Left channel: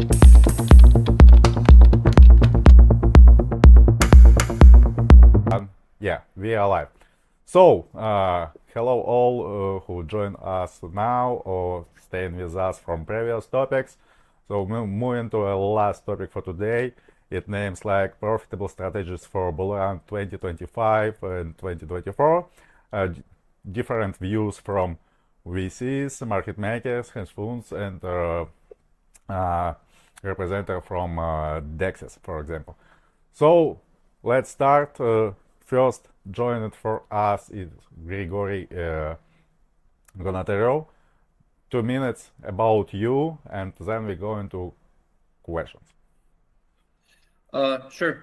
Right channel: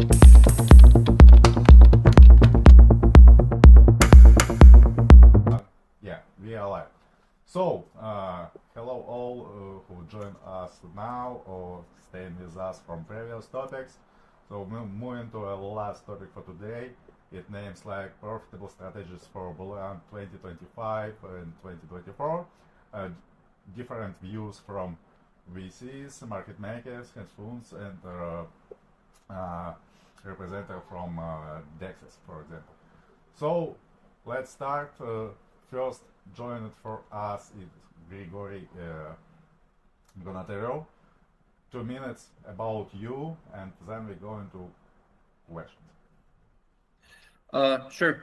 Yeah, we are live. So, hello all who join us now or staying with us from previous topics. So, moving to our last topic for today. It names like profitable strategies for BullRun 2025 and 2024. Different views from VCs, market makers, hedge funds, and representative from DEXs, for example. So, let's start. First, joined for us is Grigory Gonatarov. 2 minutes about you, and then we go into questions. Sure.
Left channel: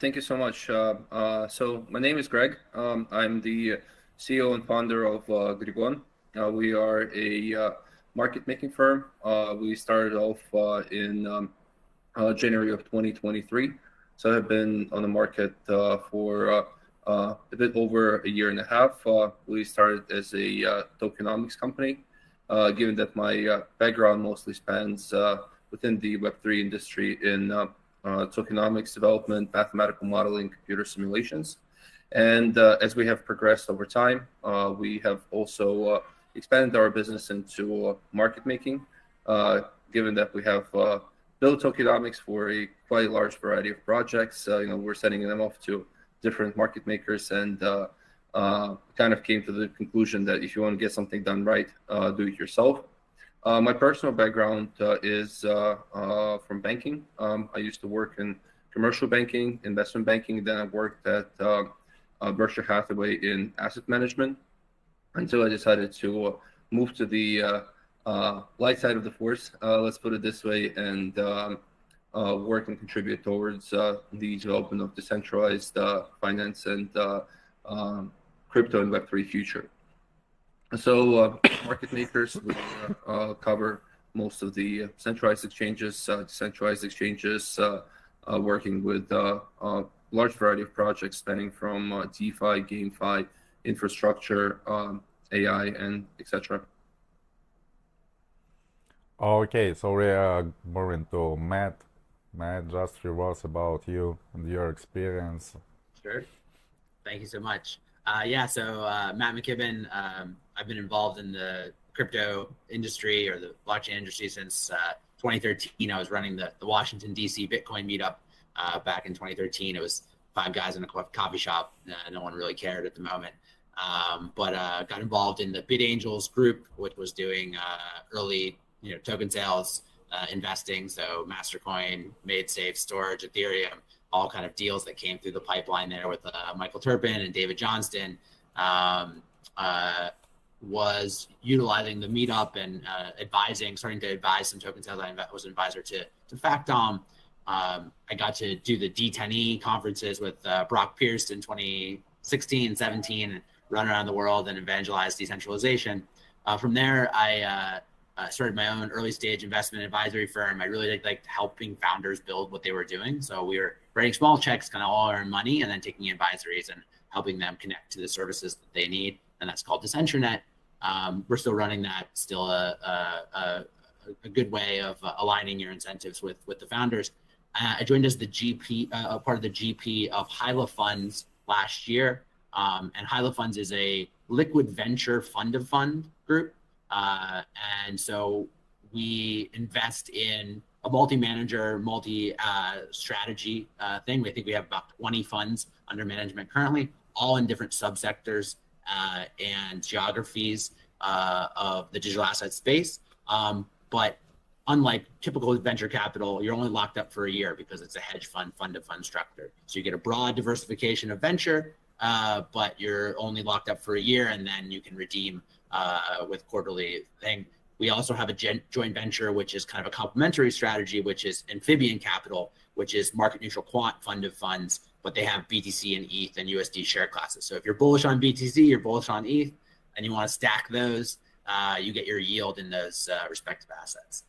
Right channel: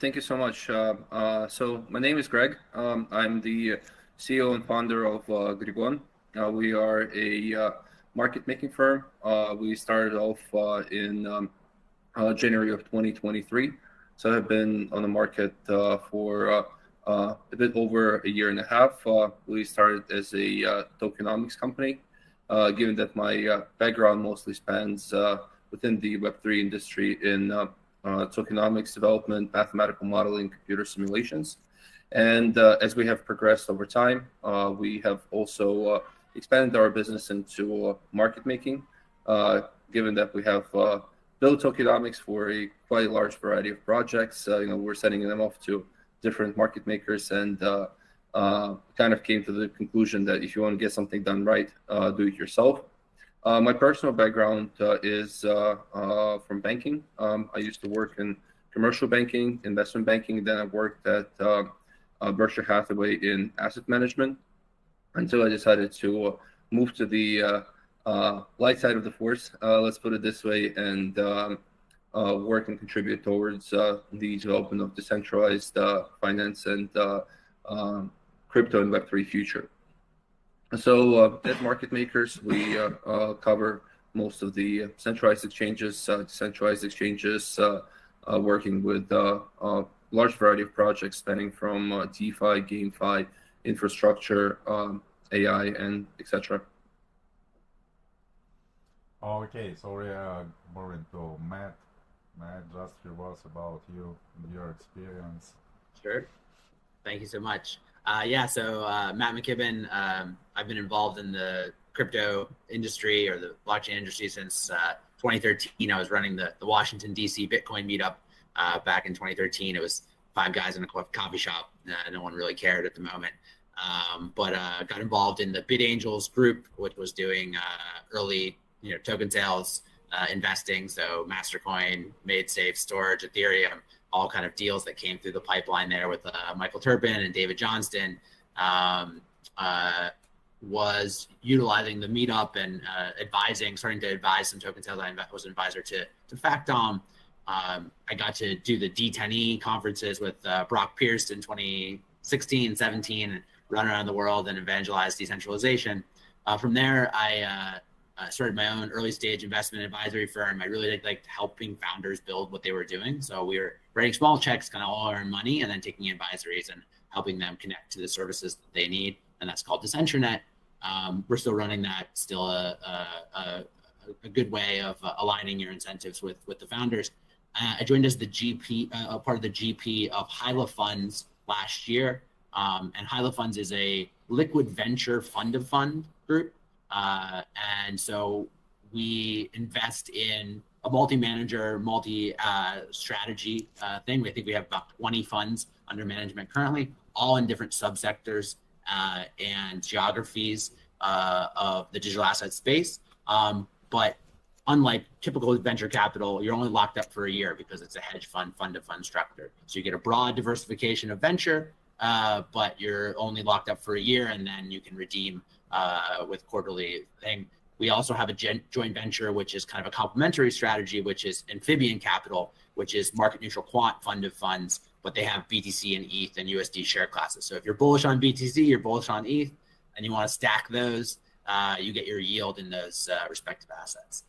Thank you so much. So my name is Greg. I'm the CEO and founder of Grigon. We are a market making firm. We started off in January of 2023. So I've been on the market for a bit over a year and a half. We started as a tokenomics company. Given that my background mostly spans within the Web3 industry in tokenomics development, mathematical modeling, computer simulations. And as we have progressed over time, we have also expanded our business into market making, given that we have built tokenomics for a quite large variety of projects. We're sending them off to different market makers, and kind of came to the conclusion that if you want to get something done right, do it yourself. My personal background is from banking. I used to work in commercial banking, investment banking. Then I worked at Berkshire Hathaway in asset management until I decided to move to the light side of the force, let's put it this way, and work and contribute towards the development of decentralized finance and crypto and Web3 future. So as market makers, we cover most of the centralized exchanges, decentralized exchanges, working with a large variety of projects spanning from DeFi, GameFi, infrastructure, AI, and etc. Okay, so we are moving to Matt. Matt, just a few words about you and your experience. Sure. Thank you so much. So Matt McKibbin, I've been involved in the crypto industry or the blockchain industry since 2013. I was running the Washington, D.C. Bitcoin meetup back in 2013. It was 5 guys in a coffee shop. No one really cared at the moment. But got involved in the BitAngels group, which was doing early token sales, investing. So Mastercoin, MaidSafe, Storage, Ethereum, all kind of deals that came through the pipeline there with Michael Turpin and David Johnston. Was utilizing the meetup and starting to advise some token sales. I was an advisor to Factom. I got to do the D10E conferences with Brock Pierce in 2016, 17, and run around the world and evangelize decentralization. From there, I started my own early stage investment advisory firm. I really liked helping founders build what they were doing. So we were writing small checks, kind of all our own money, and then taking advisories and helping them connect to the services that they need. And that's called Decentranet. We're still running that, still a good way of aligning your incentives with the founders. I joined as the GP, part of the GP of Hyla Funds last year. And Hyla Funds is a liquid venture fund of fund group. And so we invest in a multi-manager, multi-strategy thing. I think we have about 20 funds under management currently, all in different subsectors and geographies of the digital asset space. But unlike typical venture capital, you're only locked up for a year because it's a hedge fund, fund-to-fund structure. So you get a broad diversification of venture, but you're only locked up for a year, and then you can redeem with quarterly thing. We also have a joint venture, which is kind of a complementary strategy, which is Amphibian Capital, which is market neutral quant fund of funds, but they have BTC and ETH and USD share classes. So if you're bullish on BTC, you're bullish on ETH, and you want to stack those, you get your yield in those respective assets.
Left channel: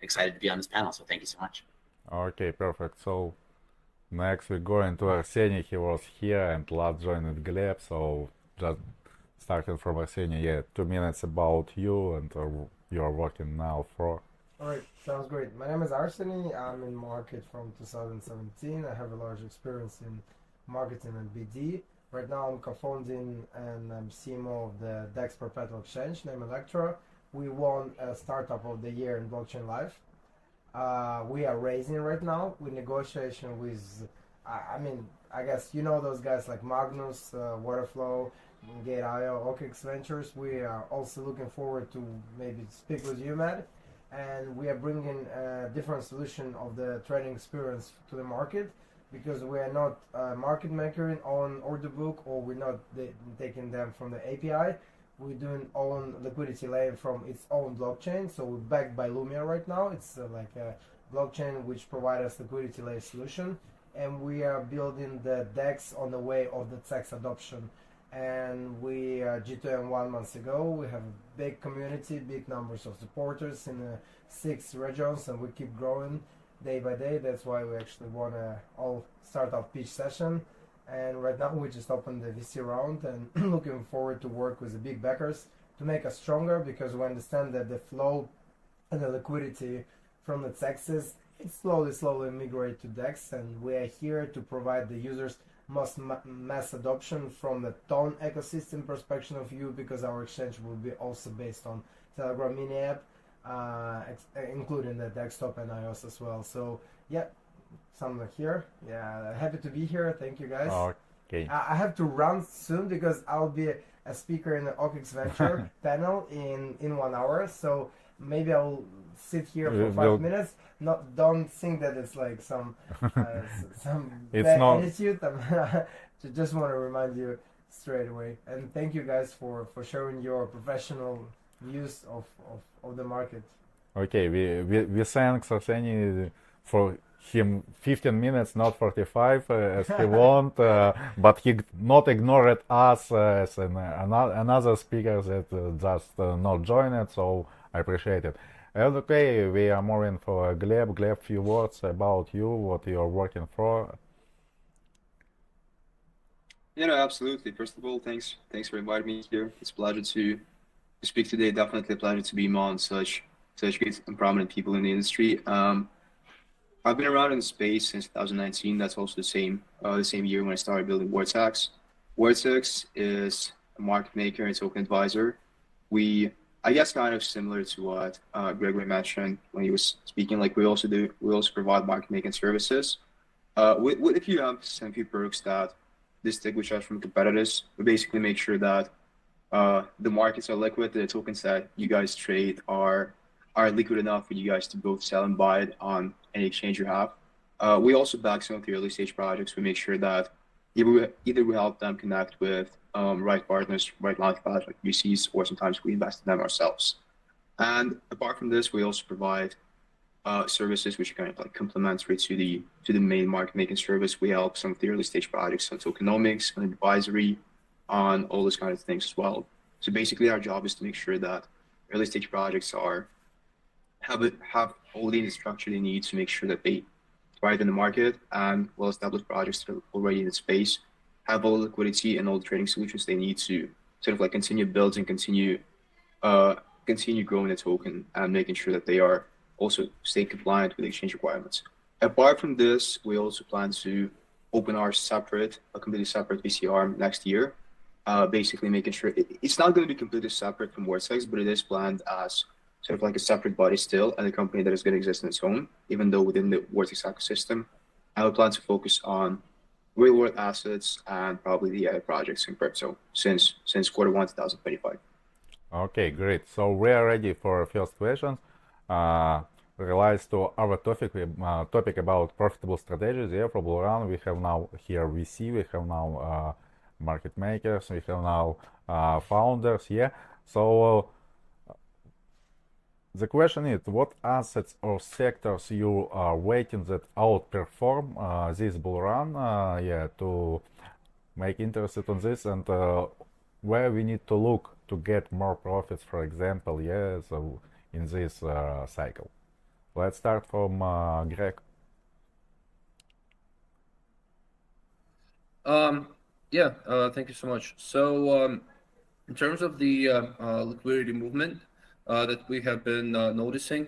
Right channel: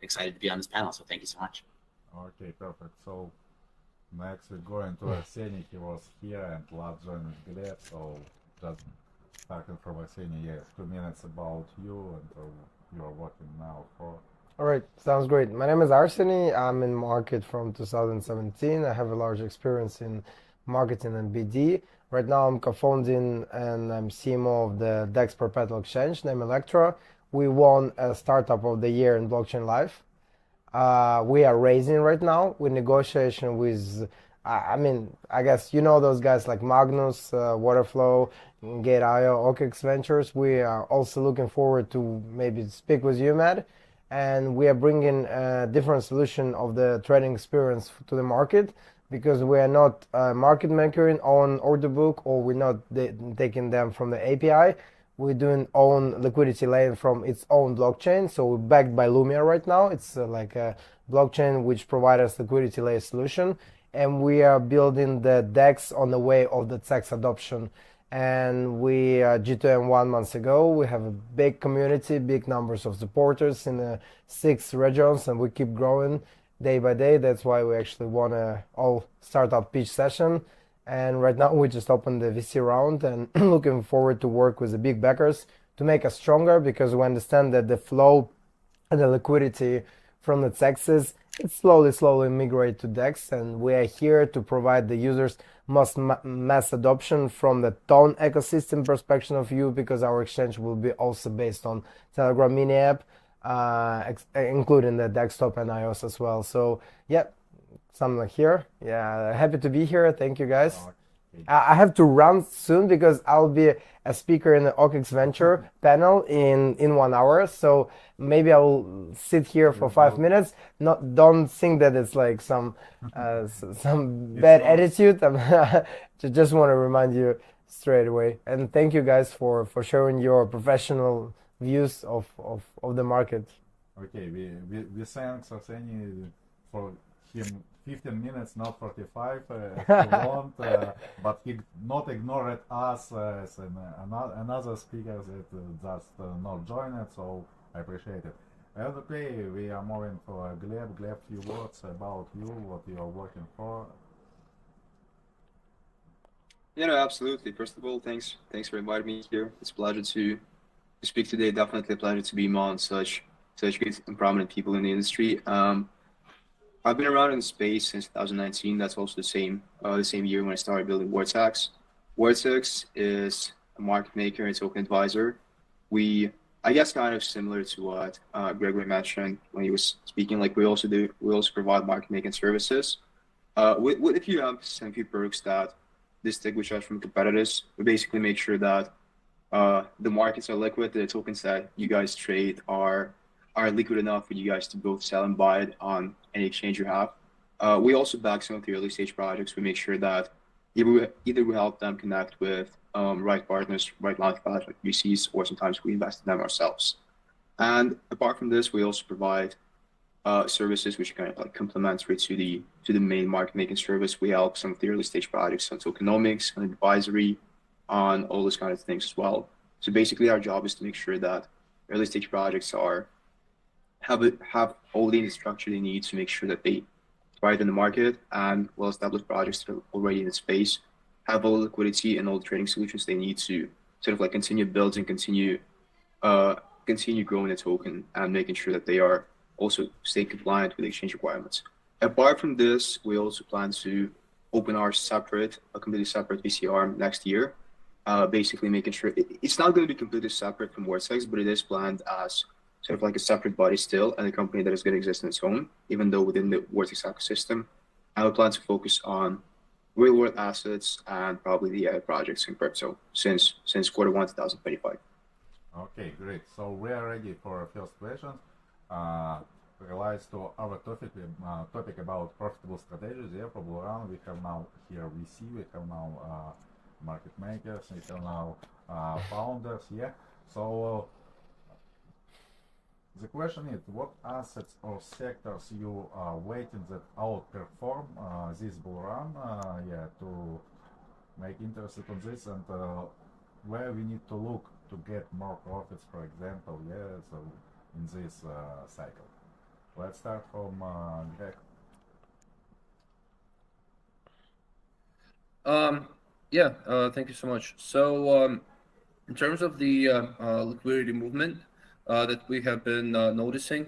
Excited to be on this panel. So thank you so much. Okay, perfect. So next we go into Arseniy. He was here and last joined Gleb. So just starting from Arseniy, 2 minutes about you and you're working now for All right, sounds great. My name is Arseniy. I'm in market from 2017. I have a large experience in marketing and BD. Right now, I'm co-founding and I'm CMO of the DEX perpetual exchange named Electra. We won a Startup of the Year in Blockchain Live. We are raising right now with negotiation with, I guess you know those guys like Magnus, Waterflow, Gate.io, OKX Ventures. We are also looking forward to maybe speak with you, Matt, and we are bringing a different solution of the trading experience to the market because we are not a market maker on order book, or we're not taking them from the API. We're doing own liquidity layer from its own blockchain. So we're backed by Lumia right now. It's like a blockchain which provides us liquidity layer solution, and we are building the DEX on the way of the DEX adoption. And we G2M 1 month ago. We have a big community, big numbers of supporters in 6 regions, and we keep growing day by day. That's why we actually want a all startup pitch session. And right now we just opened the VC round and looking forward to work with the big backers to make us stronger, because we understand that the flow and the liquidity from the DEXs, it slowly migrate to DEX, and we are here to provide the users mass adoption from the Tone ecosystem perspective of view, because our exchange will be also based on Telegram mini app, including the desktop and iOS as well. So yeah, something like here. Yeah, happy to be here. Thank you guys. Okay. I have to run soon because I'll be a speaker in the OKX Venture panel in 1 hour. So maybe I'll sit here for 5 minutes. Don't think that it's like some bad attitude. Just want to remind you straight away. And thank you guys for sharing your professional views of the market. Okay, we thanks Arseniy for him 15 minutes, not 45 as he want, but he not ignored us as another speaker that just not joined it, so I appreciate it. And okay, we are moving for Gleb. Gleb, few words about you, what you are working for. Yeah, no, absolutely. First of all, thanks for inviting me here. It's a pleasure to speak today. Definitely a pleasure to be among such great and prominent people in the industry. I've been around in the space since 2019. That's also the same year when I started building Vortex. Vortex is a market maker and token advisor. I guess kind of similar to what Gregory mentioned when he was speaking. Like we also provide market making services with a few emphasis and a few perks that distinguish us from competitors. We basically make sure that the markets are liquid, the tokens that you guys trade are liquid enough for you guys to both sell and buy it on any exchange you have. We also back some of the early stage projects. We make sure that either we help them connect with right partners, right launchpads like VCs, or sometimes we invest in them ourselves. And apart from this, we also provide services which are kind of like complementary to the main market making service. We help some of the early stage projects on tokenomics, on advisory, on all those kind of things as well. So basically, our job is to make sure that early stage projects have all the infrastructure they need to make sure that they thrive in the market, and well-established projects that are already in the space have all the liquidity and all the trading solutions they need to sort of like continue building, continue growing the token, and making sure that they are also stay compliant with exchange requirements. Apart from this, we also plan to open a completely separate VC arm next year. Basically making sure it's not going to be completely separate from Vortex, but it is planned as sort of like a separate body still, and a company that is going to exist on its own, even though within the Vortex ecosystem. And we plan to focus on real world assets and probably the AI projects in crypto since Q1 2025. Okay, great. So we are ready for first questions. Relates to our topic about profitable strategies. Yeah, for BullRun, we have now here VC, we have now market makers, we have now founders. Yeah, so the question is, what assets or sectors you are waiting that outperform this BullRun? Yeah, to make interested on this, and where we need to look to get more profits, for example. Yeah, so in this cycle. Let's start from Greg. Thank you so much. So in terms of the liquidity movement, that we have been noticing.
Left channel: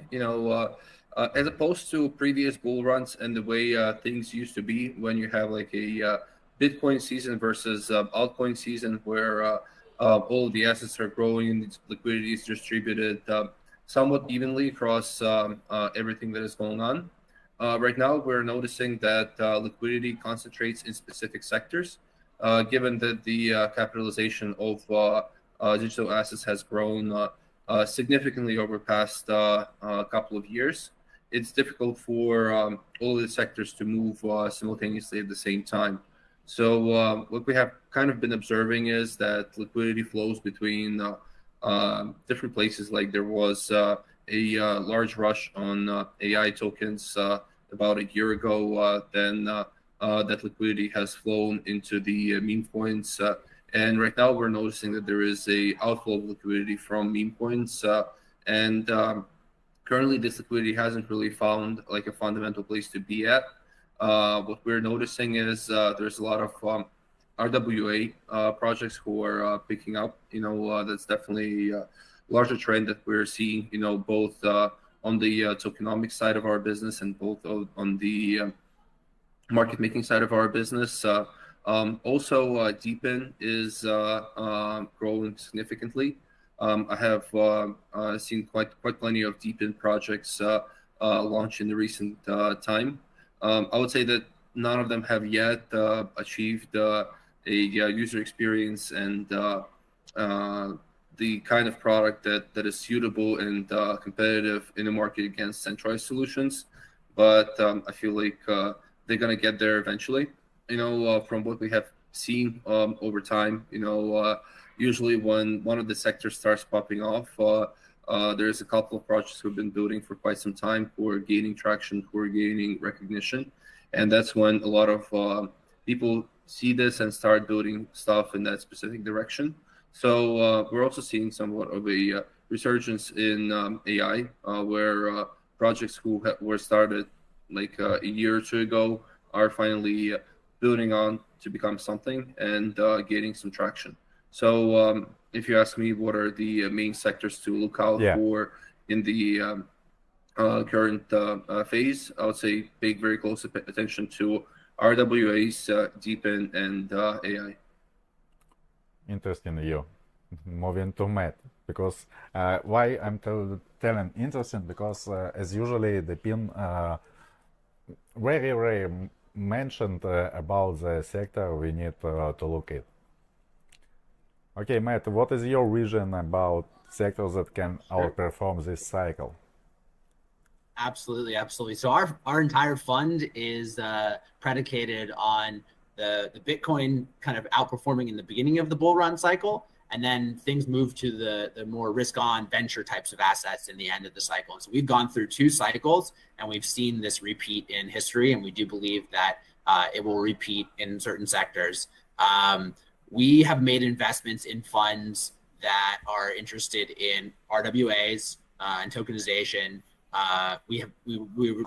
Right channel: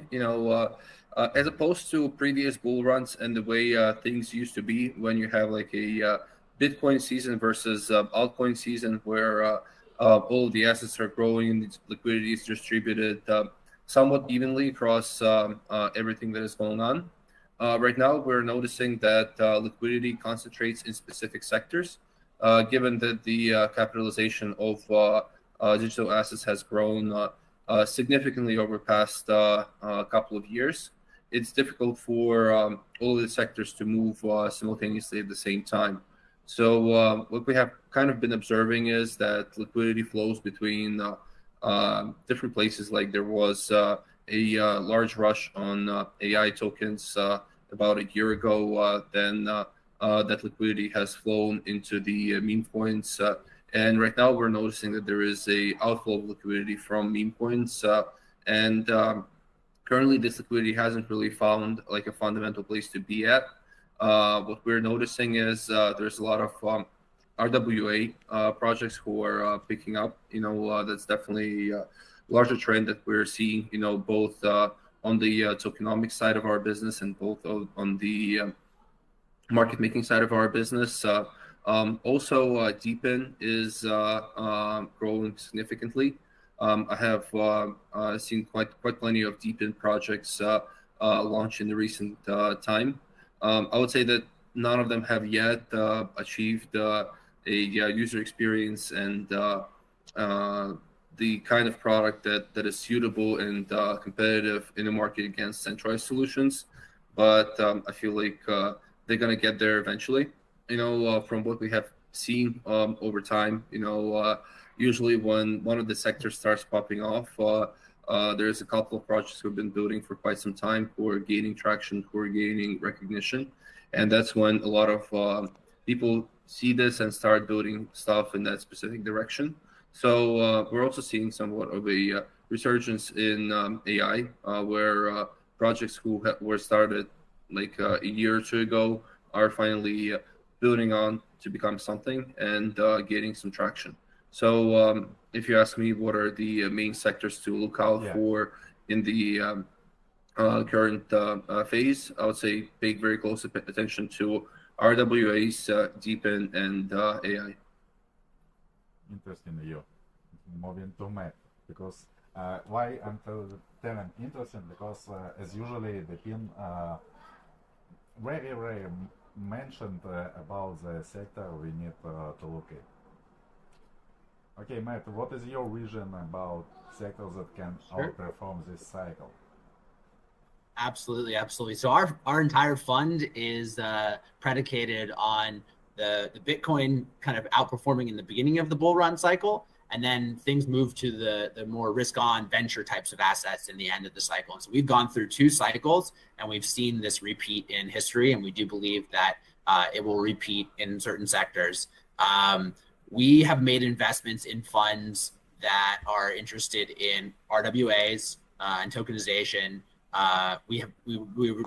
As opposed to previous bull runs and the way things used to be when you have like a Bitcoin season versus altcoin season, where all of the assets are growing and the liquidity is distributed somewhat evenly across everything that is going on. Right now, we're noticing that liquidity concentrates in specific sectors, given that the capitalization of digital assets has grown significantly over the past couple of years. It's difficult for all of the sectors to move simultaneously at the same time. So what we have kind of been observing is that liquidity flows between different places. Like there was a large rush on AI tokens about a year ago. Then that liquidity has flown into the meme coins. And right now we're noticing that there is a outflow of liquidity from meme coins. And currently this liquidity hasn't really found like a fundamental place to be at. What we're noticing is there's a lot of RWA projects who are picking up. That's definitely a larger trend that we're seeing, both on the tokenomics side of our business and both on the market making side of our business. Also, Deepin is growing significantly. I have seen quite plenty of Deepin projects launch in the recent time. I would say that none of them have yet achieved a user experience and the kind of product that is suitable and competitive in the market against centralized solutions. But I feel like they're going to get there eventually. From what we have seen over time, usually when one of the sectors starts popping off, there's a couple of projects who've been building for quite some time who are gaining traction, who are gaining recognition. And that's when a lot of people see this and start building stuff in that specific direction. So we're also seeing somewhat of a resurgence in AI, where projects who were started like a year or two ago are finally building on to become something and gaining some traction. So if you ask me what are the main sectors to look out for in the current phase, I would say pay very close attention to RWAs, Deepin, and AI. Interesting, you. Moving to Matt, because why I'm telling interesting, because as usually the pin very mentioned about the sector we need to look at. Okay, Matt, what is your vision about sectors that can outperform this cycle? Absolutely. So our entire fund is predicated on the Bitcoin kind of outperforming in the beginning of the bull run cycle, and then things move to the more risk-on venture types of assets in the end of the cycle. And so we've gone through 2 cycles, and we've seen this repeat in history, and we do believe that it will repeat in certain sectors. We have made investments in funds that are interested in RWAs and tokenization. We've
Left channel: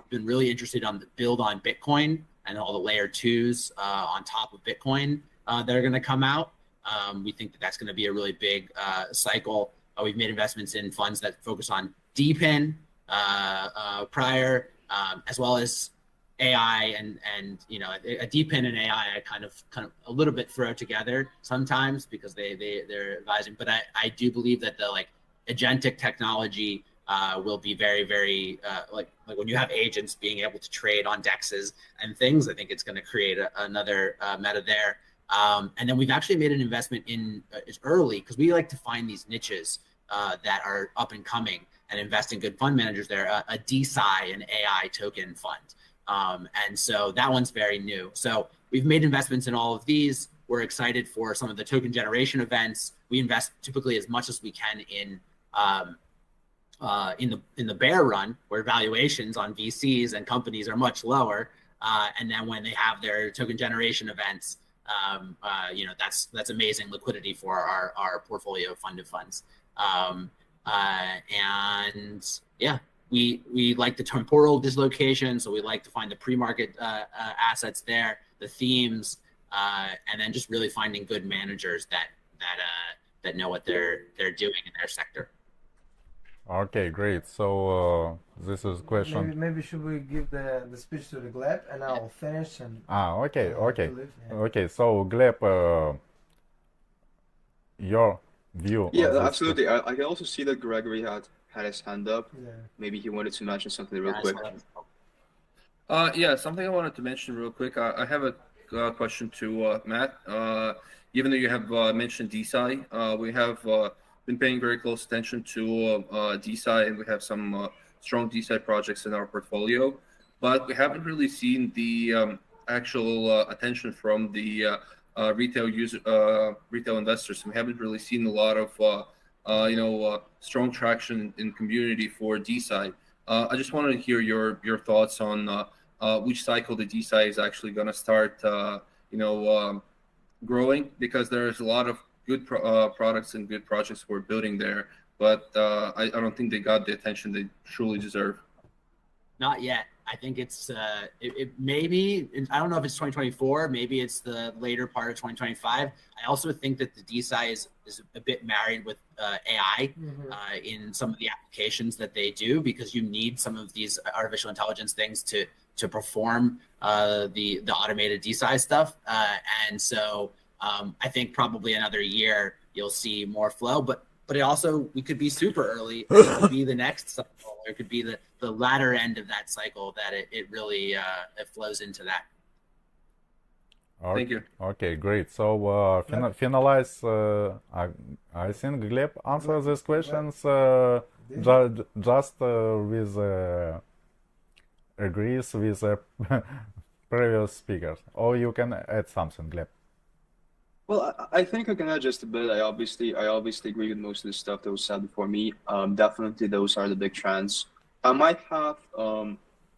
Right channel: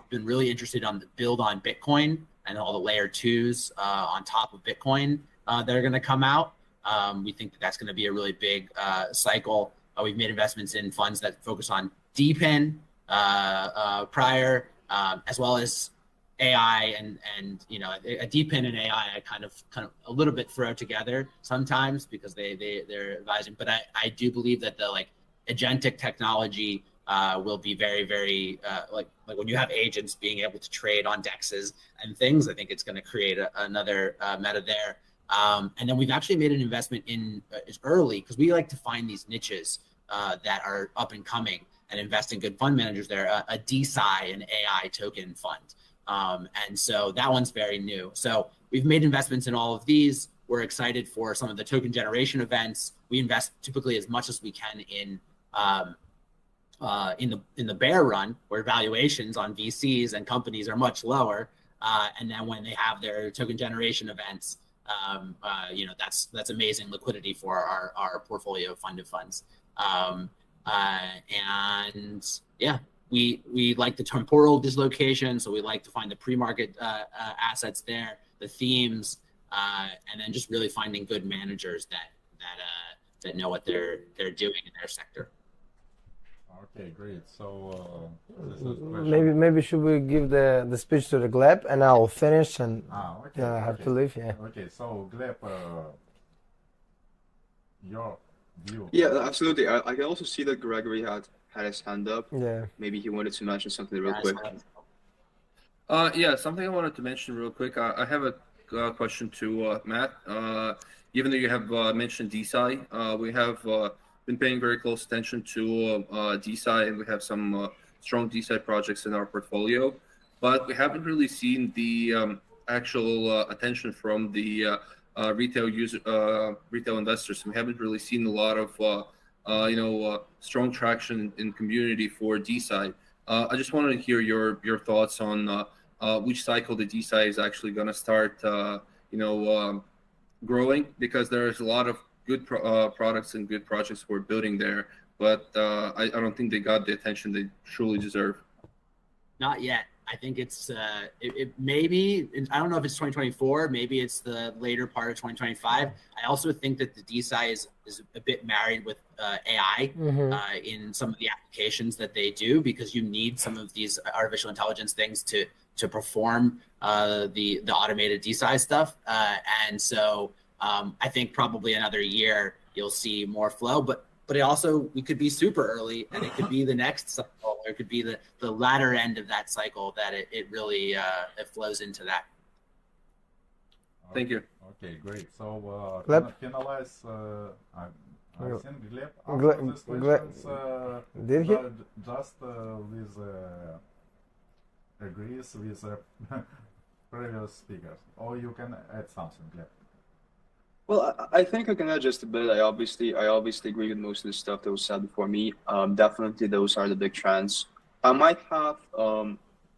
been really interested on the build on Bitcoin and all the layer 2s on top of Bitcoin that are going to come out. We think that that's going to be a really big cycle. We've made investments in funds that focus on Deepin prior, as well as AI and a Deepin and AI I kind of a little bit throw together sometimes because they're advising. But I do believe that the agentic technology will be very, very like when you have agents being able to trade on dexes and things, I think it's going to create another meta there. And then we've actually made an investment in it's early because we like to find these niches that are up and coming and invest in good fund managers there. A DeSci, an AI token fund. And so that one's very new. So we've made investments in all of these. We're excited for some of the token generation events. We invest typically as much as we can in the bear run, where valuations on VCs and companies are much lower. And then when they have their token generation events, that's amazing liquidity for our portfolio of funded funds. And yeah, we like the temporal dislocation, so we like to find the pre-market assets there, the themes, and then just really finding good managers that know what they're doing in their sector. Okay, great. So this is question. Maybe should we give the speech to the Gleb and I'll finish and Okay, I have to okay, leave. Yeah. okay. So Gleb, your view Yeah, on this absolutely. I can also see that Gregory had his hand up. Yeah. Maybe he wanted to mention something real Yeah, I quick. saw that. Yeah, something I wanted to mention real quick. I have a question to Matt. Even though you have mentioned DeSci, we have been paying very close attention to DeSci, and we have some strong DeSci projects in our portfolio, but we haven't really seen the actual attention from the retail investors. We haven't really seen a lot of strong traction in community for DeSci. I just wanted to hear your thoughts on which cycle the DeSci is actually going to start, growing, because there's a lot of good products and good projects we're building there, but I don't think they got the attention they truly deserve. Not yet. I think it's it maybe, I don't know if it's 2024, maybe it's the later part of 2025. I also think that the DeSci is a bit married with AI in some of the applications that they do, because you need some of these artificial intelligence things to perform the automated DeSci stuff. And so I think probably another year you'll see more flow, but it also, we could be super early, and it could be the next cycle, or it could be the latter end of that cycle that it really it flows into that. Thank you. Okay, great. So Gleb? finalize. I think Gleb answered these questions Did he? just with agrees with previous speakers, or you can add something, Gleb. Well, I think I can add just a bit. I obviously agree with most of the stuff that was said before me. Definitely those are the big trends. I might have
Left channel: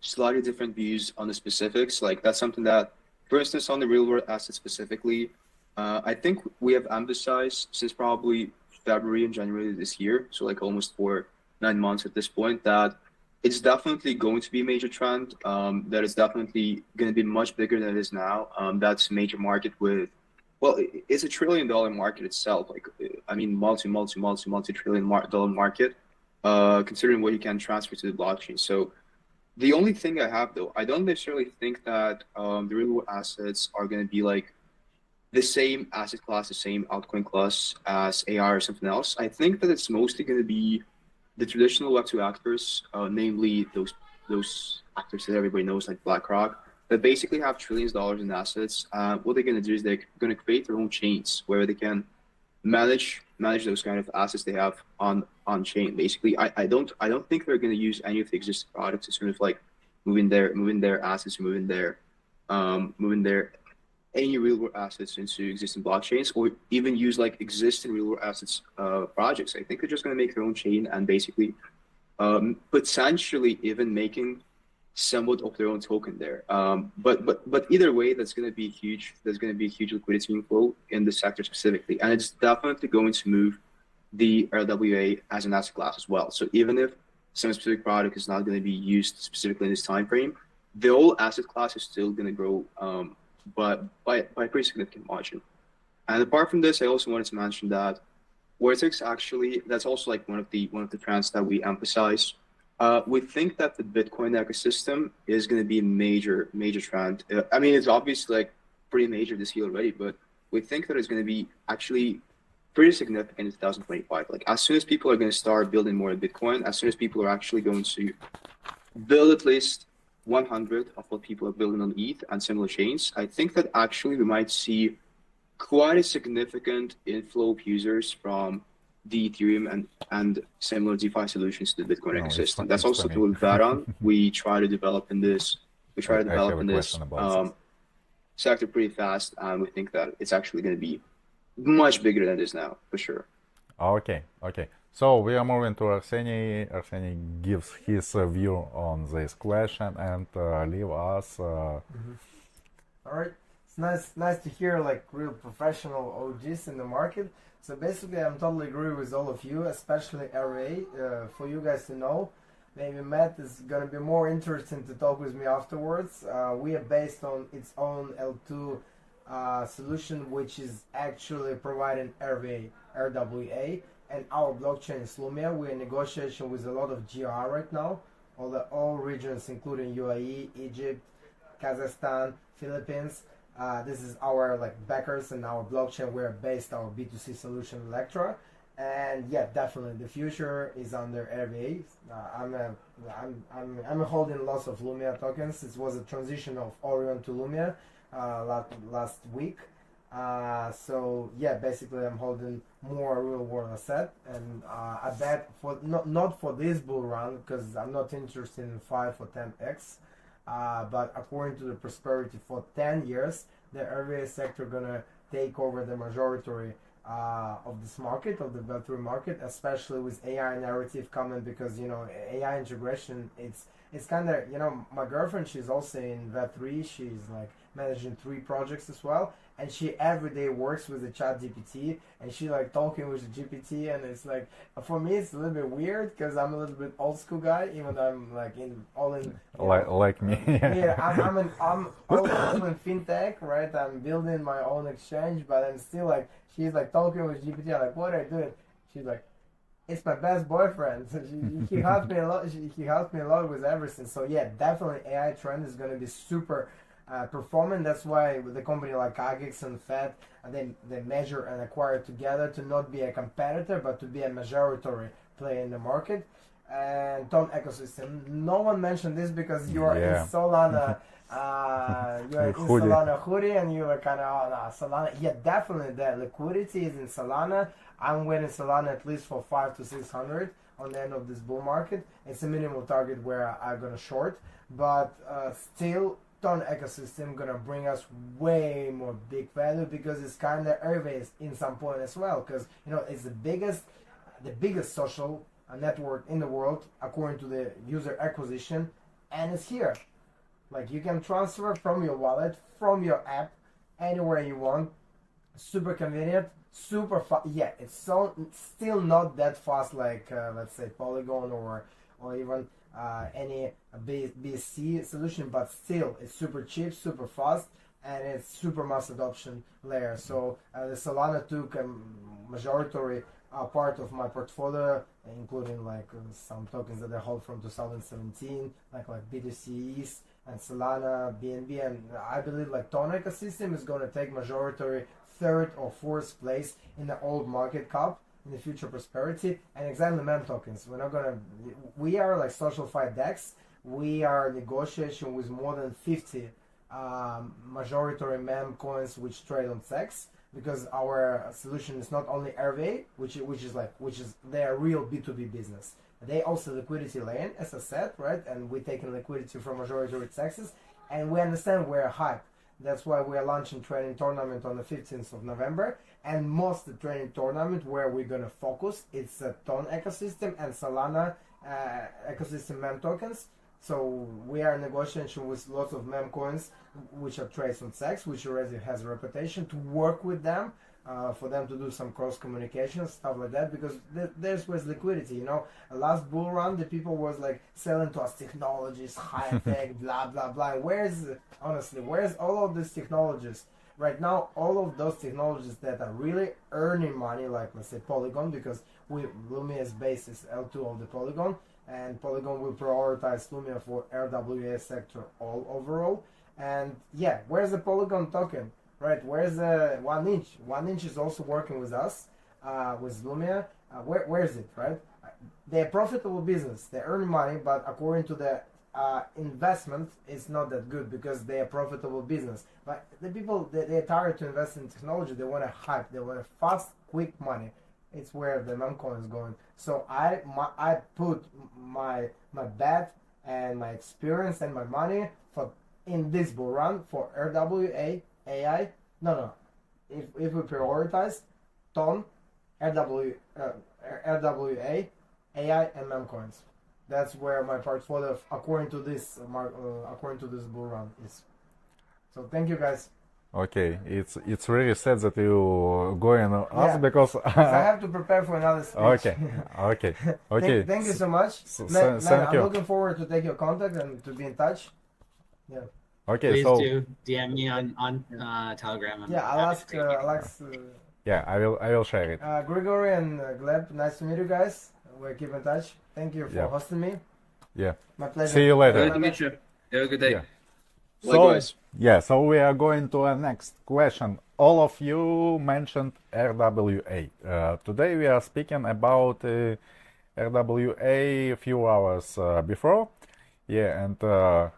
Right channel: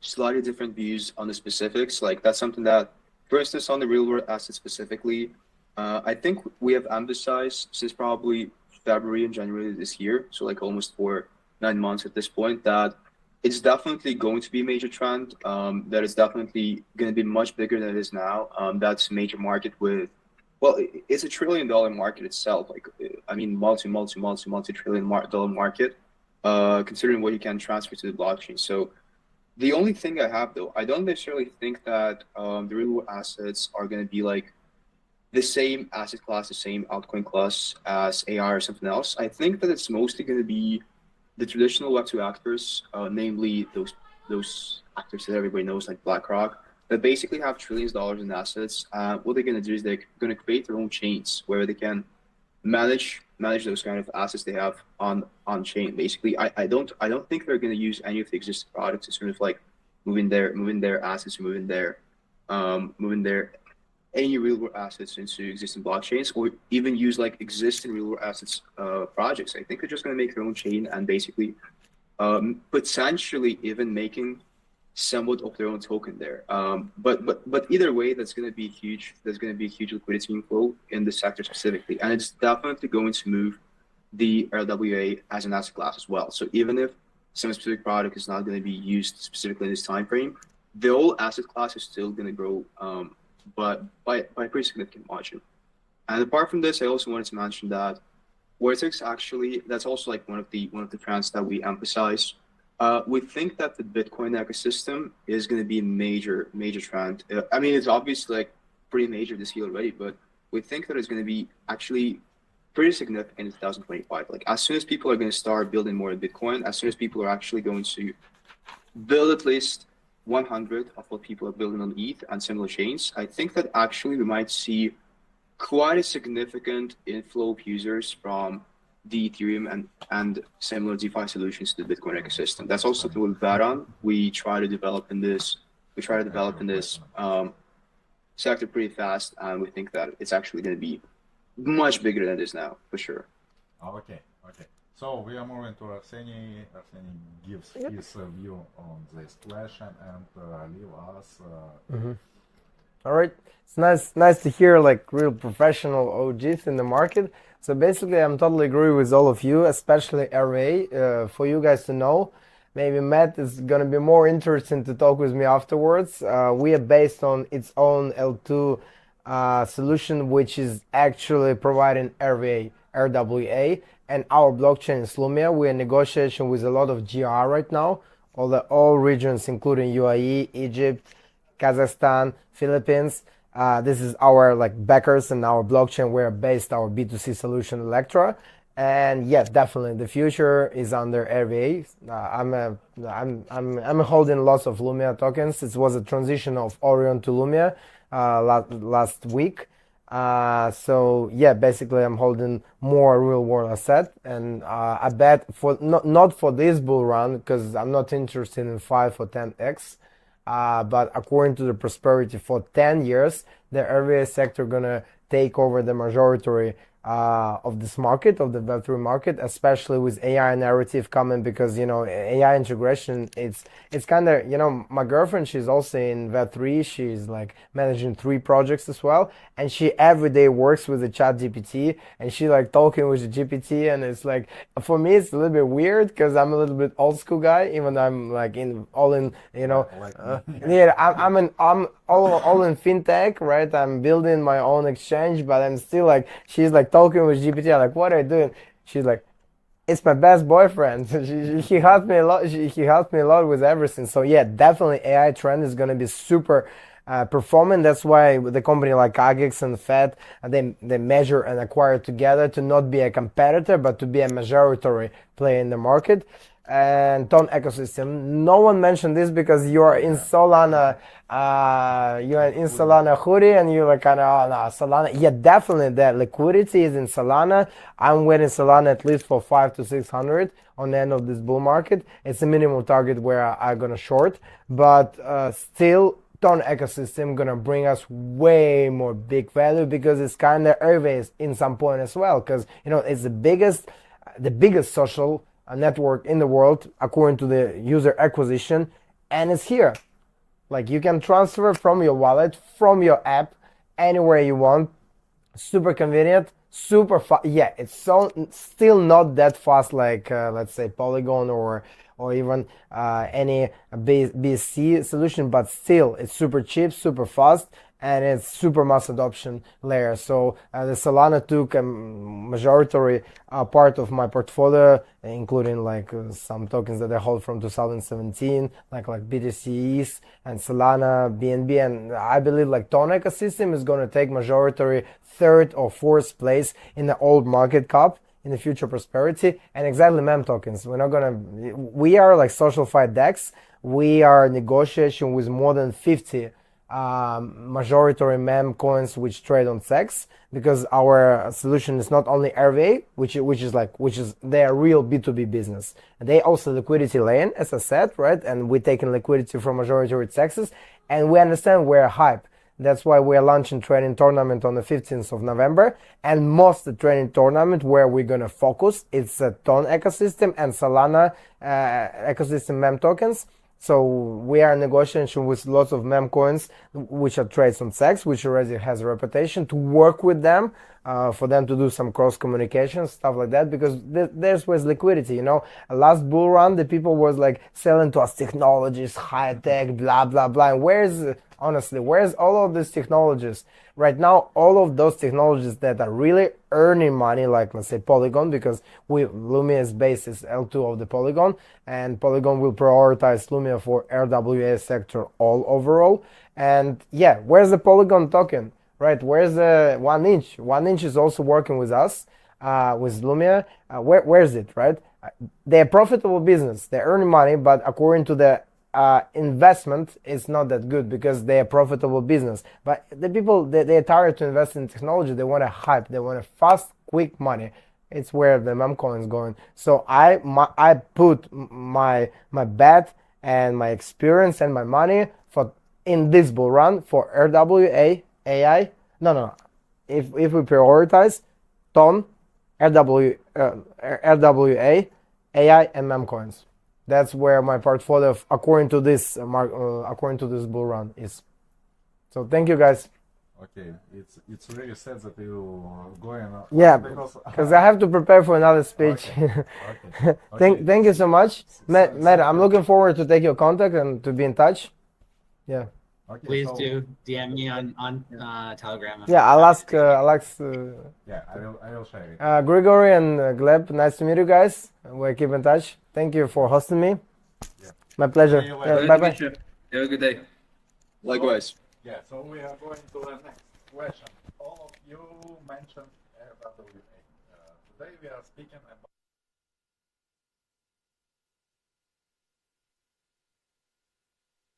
slightly different views on the specifics. Like, that's something that, for instance, on the real world assets specifically, I think we have emphasized since probably February and January this year, so like almost for 9 months at this point, that it's definitely going to be a major trend. That is definitely going to be much bigger than it is now. That's a major market with, well, it's $1 trillion market itself. Like, I mean, multi-trillion dollar market, considering what you can transfer to the blockchain. So the only thing I have, though, I don't necessarily think that the real world assets are going to be like the same asset class, the same altcoin class as AR or something else. I think that it's mostly going to be the traditional Web2 actors, namely those actors that everybody knows, like BlackRock, that basically have trillions of dollars in assets. What they're going to do is they're going to create their own chains where they can manage those kind of assets they have on chain. Basically, I don't think they're going to use any of the existing products as soon as like moving their assets, moving their any real world assets into existing blockchains, or even use like existing real world assets projects. I think they're just going to make their own chain and basically potentially even making somewhat of their own token there. But either way, that's going to be huge. There's going to be a huge liquidity inflow in the sector specifically, and it's definitely going to move the RWA as an asset class as well. So even if some specific product is not going to be used specifically in this time frame, the whole asset class is still going to grow, but by a pretty significant margin. And apart from this, I also wanted to mention that Vortex actually, that's also like one of the trends that we emphasize. We think that the Bitcoin ecosystem is going to be a major trend. I mean, it's obviously like pretty major this year already, but we think that it's going to be actually pretty significant in 2025. Like, as soon as people are going to start building more Bitcoin, as soon as people are actually going to build at least 100 of what people are building on ETH and similar chains, I think that actually we might see quite a significant inflow of users from the Ethereum and similar DeFi solutions to the Bitcoin ecosystem. That's also something we bet on. We try to develop in this. We try to develop in this sector pretty fast, and we think that it's actually going to be much bigger than it is now, for sure. Okay. So we are moving to Arseniy. Arseniy gives his view on this question and leave us. All right. It's nice to hear like real professional OGs in the market. So basically, I'm totally agree with all of you, especially RA. For you guys to know, maybe Matt is gonna be more interesting to talk with me afterwards. We are based on its own L2 solution, which is actually providing RWA, and our blockchain is Lumia. We're in negotiation with a lot of GR right now, all regions, including UAE, Egypt, Kazakhstan, Philippines. This is our backers and our blockchain. We're based our B2C solution Electra, and yeah, definitely the future is under RVA. I'm holding lots of Lumia tokens. It was a transition of Orion to Lumia last week. So yeah, basically I'm holding more real world asset, and I bet for not for this bull run, because I'm not interested in 5 or 10x. But according to the prosperity for 10 years, the RVA sector gonna take over the majority of this market, of the Web3 market, especially with AI narrative coming, because AI integration, it's kind of, my girlfriend, she's also in Web3. She's managing 3 projects as well, and she every day works with the chat GPT, and she talking with the GPT, and it's for me it's a little bit weird because I'm a little bit old school guy, even though I'm all in like me. Yeah, I'm all in fintech, right? I'm building my own exchange, but I'm still she's talking with GPT. I'm what are you doing? She's it's my best boyfriend. He helped me a lot. He helped me a lot with everything. So yeah, definitely AI trend is gonna be super performant. That's why the company like Agix and Fed, they measure and acquire together to not be a competitor, but to be a majority player in the market. And Ton ecosystem. No one mentioned this because you are in Solana. You are in Solana hoodie, and you're kind of Solana. Yeah, definitely the liquidity is in Solana. I'm waiting Solana at least for 500 to 600 on the end of this bull market. It's a minimum target where I'm gonna short, but still Ton ecosystem gonna bring us way more big value, because it's kind of always in some point as well, because it's the biggest social network in the world according to the user acquisition, and it's here. You can transfer from your wallet, from your app, anywhere you want. Super convenient, super fast. Yeah, it's still not that fast let's say Polygon or even any BSC solution, but still it's super cheap, super fast, and it's super mass adoption layer. So the Solana took a majority part of my portfolio, including some tokens that I hold from 2017, like BTCs and Solana, BNB, and I believe Ton ecosystem is going to take majority 3rd or 4th place in the old market cap in the future prosperity. And exactly mem tokens. We are social fight DEX. We are negotiation with more than 50 majority mem coins which trade on SEX, because our solution is not only RVA, which is their real B2B business. They also liquidity lane, as I said, right? And we're taking liquidity from majority SEXs, and we understand we're hype. That's why we're launching trading tournament on the 15th of November, and most the trading tournament where we're gonna focus, it's a Ton ecosystem and Solana ecosystem mem tokens. So we are in negotiation with lots of mem coins which are trades on SEX, which already has a reputation, to work with them, for them to do some cross communication, stuff like that, because there's was liquidity. Last bull run, the people was selling to us technologies, high tech, blah blah blah. And where's all of these technologies? Right now, all of those technologies that are really earning money, let's say Polygon, because Lumia's base is L2 of the Polygon, and Polygon will prioritize Lumia for RWA sector all overall. And yeah, where's the Polygon token, right? Where's the 1inch? 1inch is also working with us, with Lumia. Where's it, right? They're a profitable business. They're earning money, but according to the investment is not that good, because they're a profitable business. But the people, they're tired to invest in technology. They want a hype. They want a fast, quick money. It's where the mem coin is going. So I put my bet and my experience and my money in this bull run for RWA, AI. No. If we prioritize Ton, RWA, AI, and mem coins. That's where my portfolio, according to this bull run, is. So thank you, guys. Okay, it's really sad that you going. Yeah, because I have to prepare for another speech. Okay. Thank you so much, Matt. Thank I'm you. looking forward to take your contact and to be in touch. Yeah. Okay, Please so do DM me on Telegram. I'm Yeah, I'll happy ask to take it. Alex, yeah, I will share it. Grigory and Gleb. Nice to meet you guys. We'll keep in touch. Thank you for Yeah. hosting me. Yeah. My pleasure. See you later. Glad Bye to bye. meet you. Have a good day. Yeah. So, Likewise. yeah, so we are going to our next question. All of you mentioned RWA. Today we are speaking about RWA a few hours before. Yeah, and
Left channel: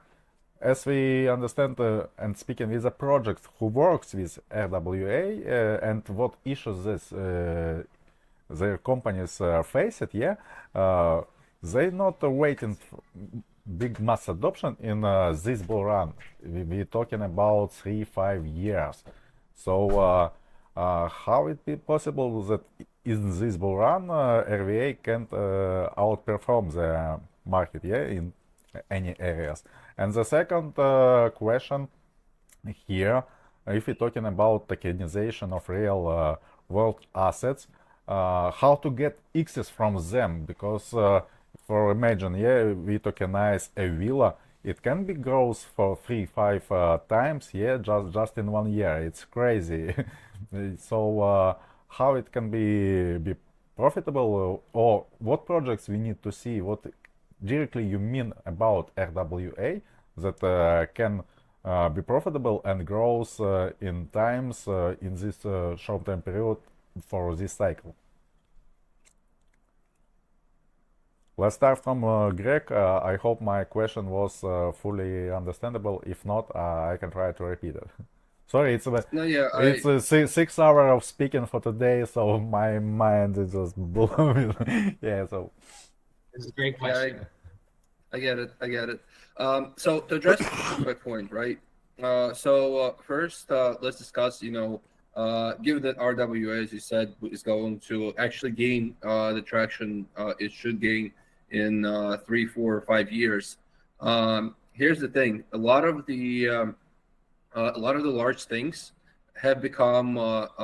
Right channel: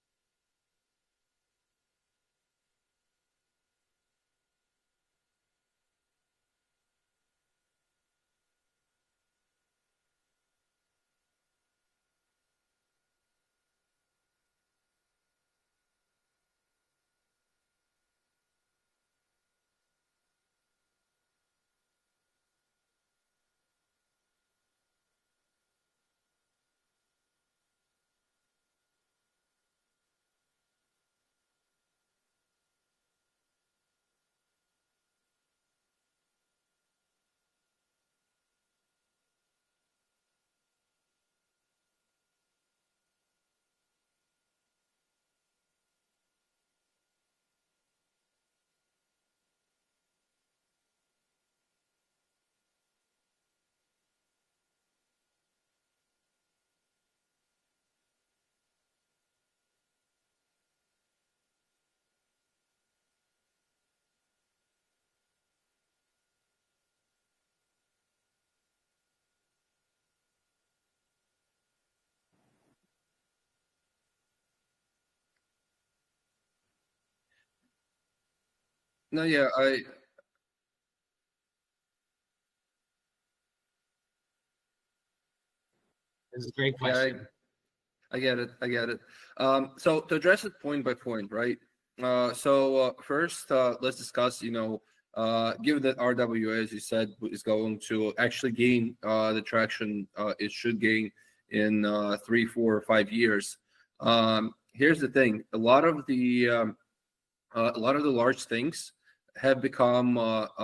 as we understand and speaking with a project who works with RWA and what issues their companies face it, yeah, they're not waiting for big mass adoption in this bull run. We're talking about 3-5 years. So how it be possible that in this bull run RWA can't outperform the market, yeah, in any areas? And the second question here, if we're talking about tokenization of real world assets, how to get X's from them? Because for imagine, yeah, we tokenize a villa, it can be growth for 3-5 times, yeah, just in 1 year. It's crazy. So how it can be profitable, or what projects we need to see, what directly you mean about RWA that can be profitable and grows in times in this short-term period for this cycle. Let's start from Greg. I hope my question was fully understandable. If not, I can try to repeat it. Sorry, No, yeah, it's 6 hours of speaking for today, so my mind is just blown. Yeah, so This is a great yeah, question. I get it. I get it. So to address it point by point, right? First, let's discuss, given that RWA, as you said, is going to actually gain the traction it should gain in 3, 4, or 5 years. Here's the thing: a lot of the large things have become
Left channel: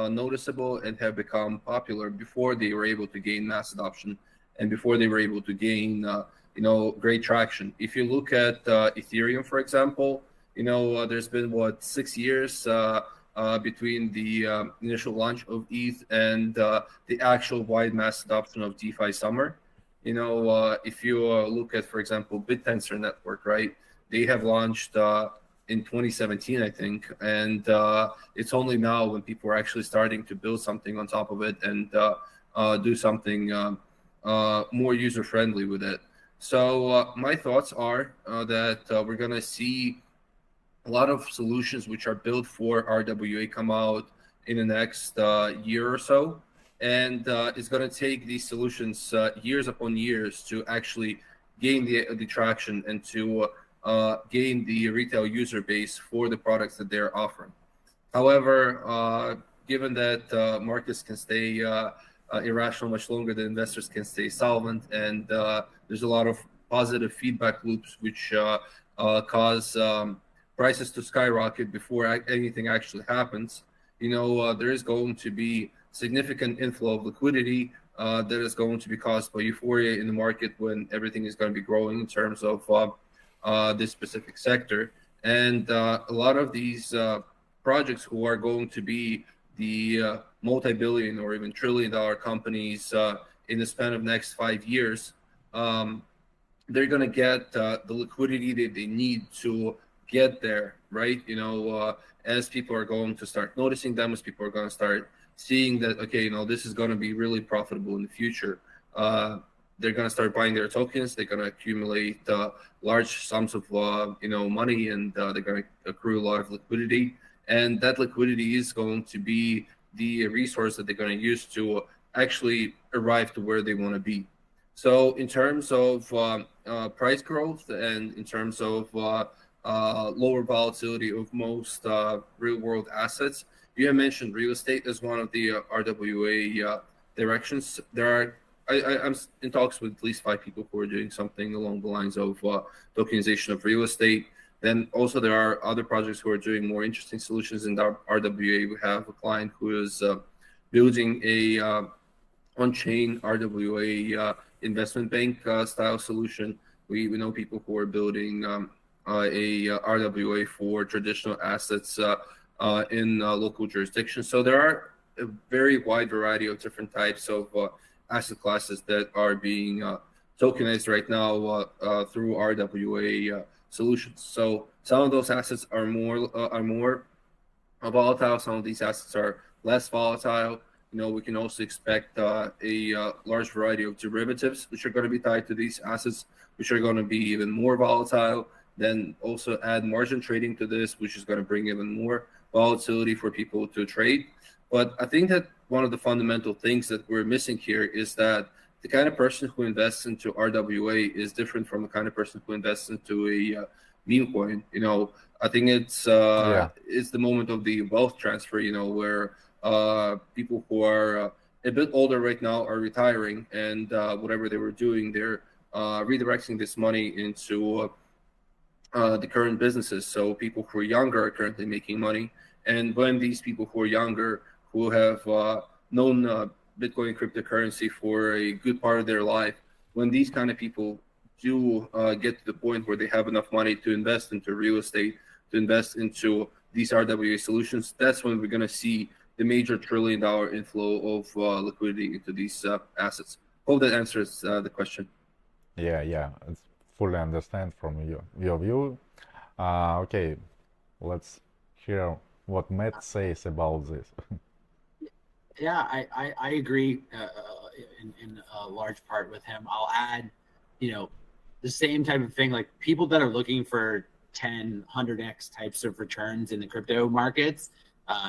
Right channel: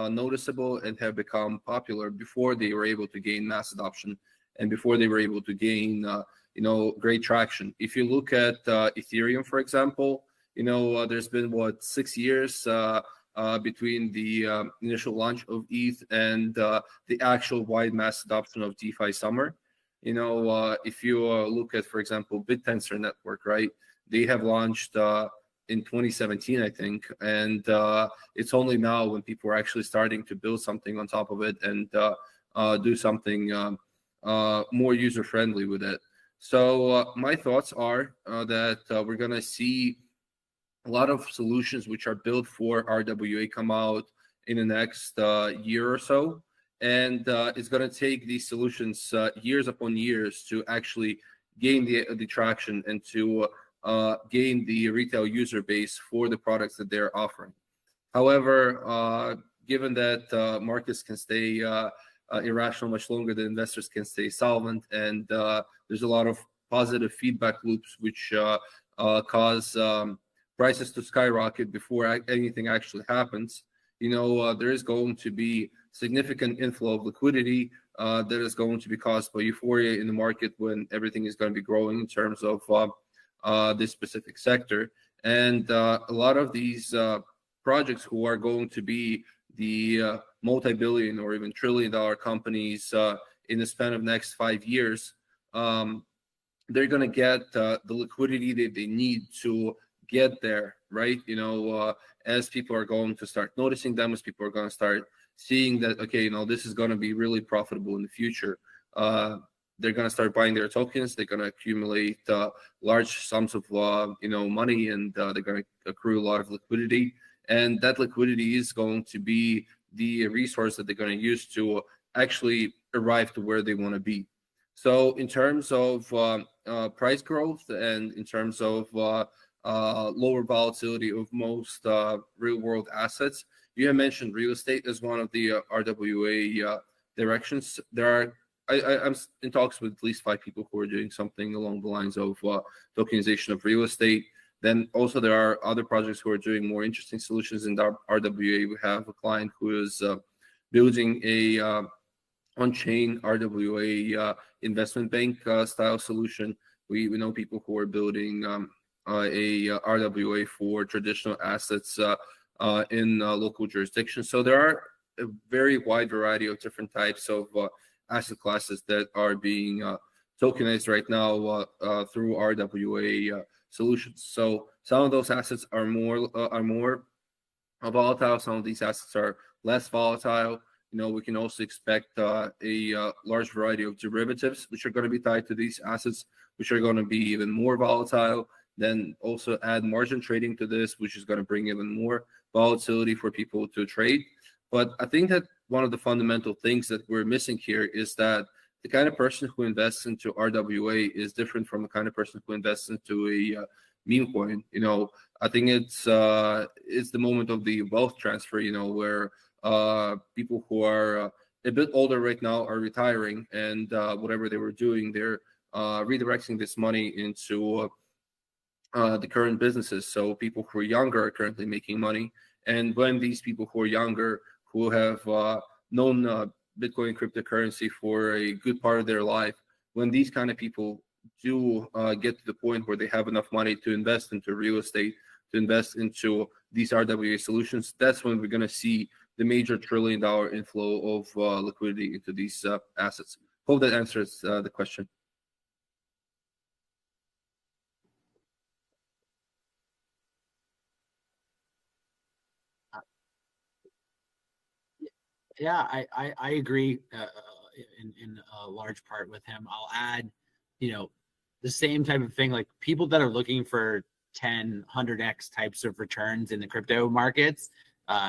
noticeable and have become popular before they were able to gain mass adoption and before they were able to gain great traction. If you look at Ethereum, for example, there's been 6 years between the initial launch of ETH and the actual wide mass adoption of DeFi Summer. If you look at, for example, BitTensor Network, right? They have launched in 2017, I think, and it's only now when people are actually starting to build something on top of it and do something more user-friendly with it. So my thoughts are that we're going to see a lot of solutions which are built for RWA come out in the next year or so. And it's going to take these solutions years upon years to actually gain the traction and to gain the retail user base for the products that they're offering. However, given that markets can stay irrational much longer than investors can stay solvent, and there's a lot of positive feedback loops which cause prices to skyrocket before anything actually happens. There is going to be significant inflow of liquidity that is going to be caused by euphoria in the market when everything is going to be growing in terms of this specific sector. And a lot of these projects who are going to be the multi-billion or even trillion-dollar companies in the span of next 5 years, they're going to get the liquidity that they need to get there, right? As people are going to start noticing them, as people are going to start seeing that, okay, this is going to be really profitable in the future. They're going to start buying their tokens. They're going to accumulate large sums of money, and they're going to accrue a lot of liquidity. And that liquidity is going to be the resource that they're going to use to actually arrive to where they want to be. So in terms of price growth and in terms of lower volatility of most real-world assets, you have mentioned real estate as one of the RWA directions. I'm in talks with at least 5 people who are doing something along the lines of tokenization of real estate. Then also there are other projects who are doing more interesting solutions in the RWA. We have a client who is building a on-chain RWA investment bank style solution. We know people who are building RWA for traditional assets in local jurisdictions. So there are a very wide variety of different types of asset classes that are being tokenized right now through RWA solutions. So some of those assets are more volatile. Some of these assets are less volatile. We can also expect a large variety of derivatives, which are going to be tied to these assets, which are going to be even more volatile. Then also add margin trading to this, which is going to bring even more volatility for people to trade. But I think that one of the fundamental things that we're missing here is that the kind of person who invests into RWA is different from the kind of person who invests into a meme coin. I think it's the moment of the wealth transfer, where people who are a bit older right now are retiring, and whatever they were doing, they're redirecting this money into the current businesses. So people who are younger are currently making money. And when these people who are younger, who have known Bitcoin cryptocurrency for a good part of their life, when these kind of people do get to the point where they have enough money to invest into real estate, to invest into these RWA solutions, that's when we're going to see the major $1 trillion inflow of liquidity into these assets. Hope that answers the question. Yeah, it's fully understand from your view. Okay, let's hear what Matt says about this. Yeah, I agree in a large part with him. I'll add, the same type of thing, like people that are looking for 10, 100x types of returns in the crypto markets,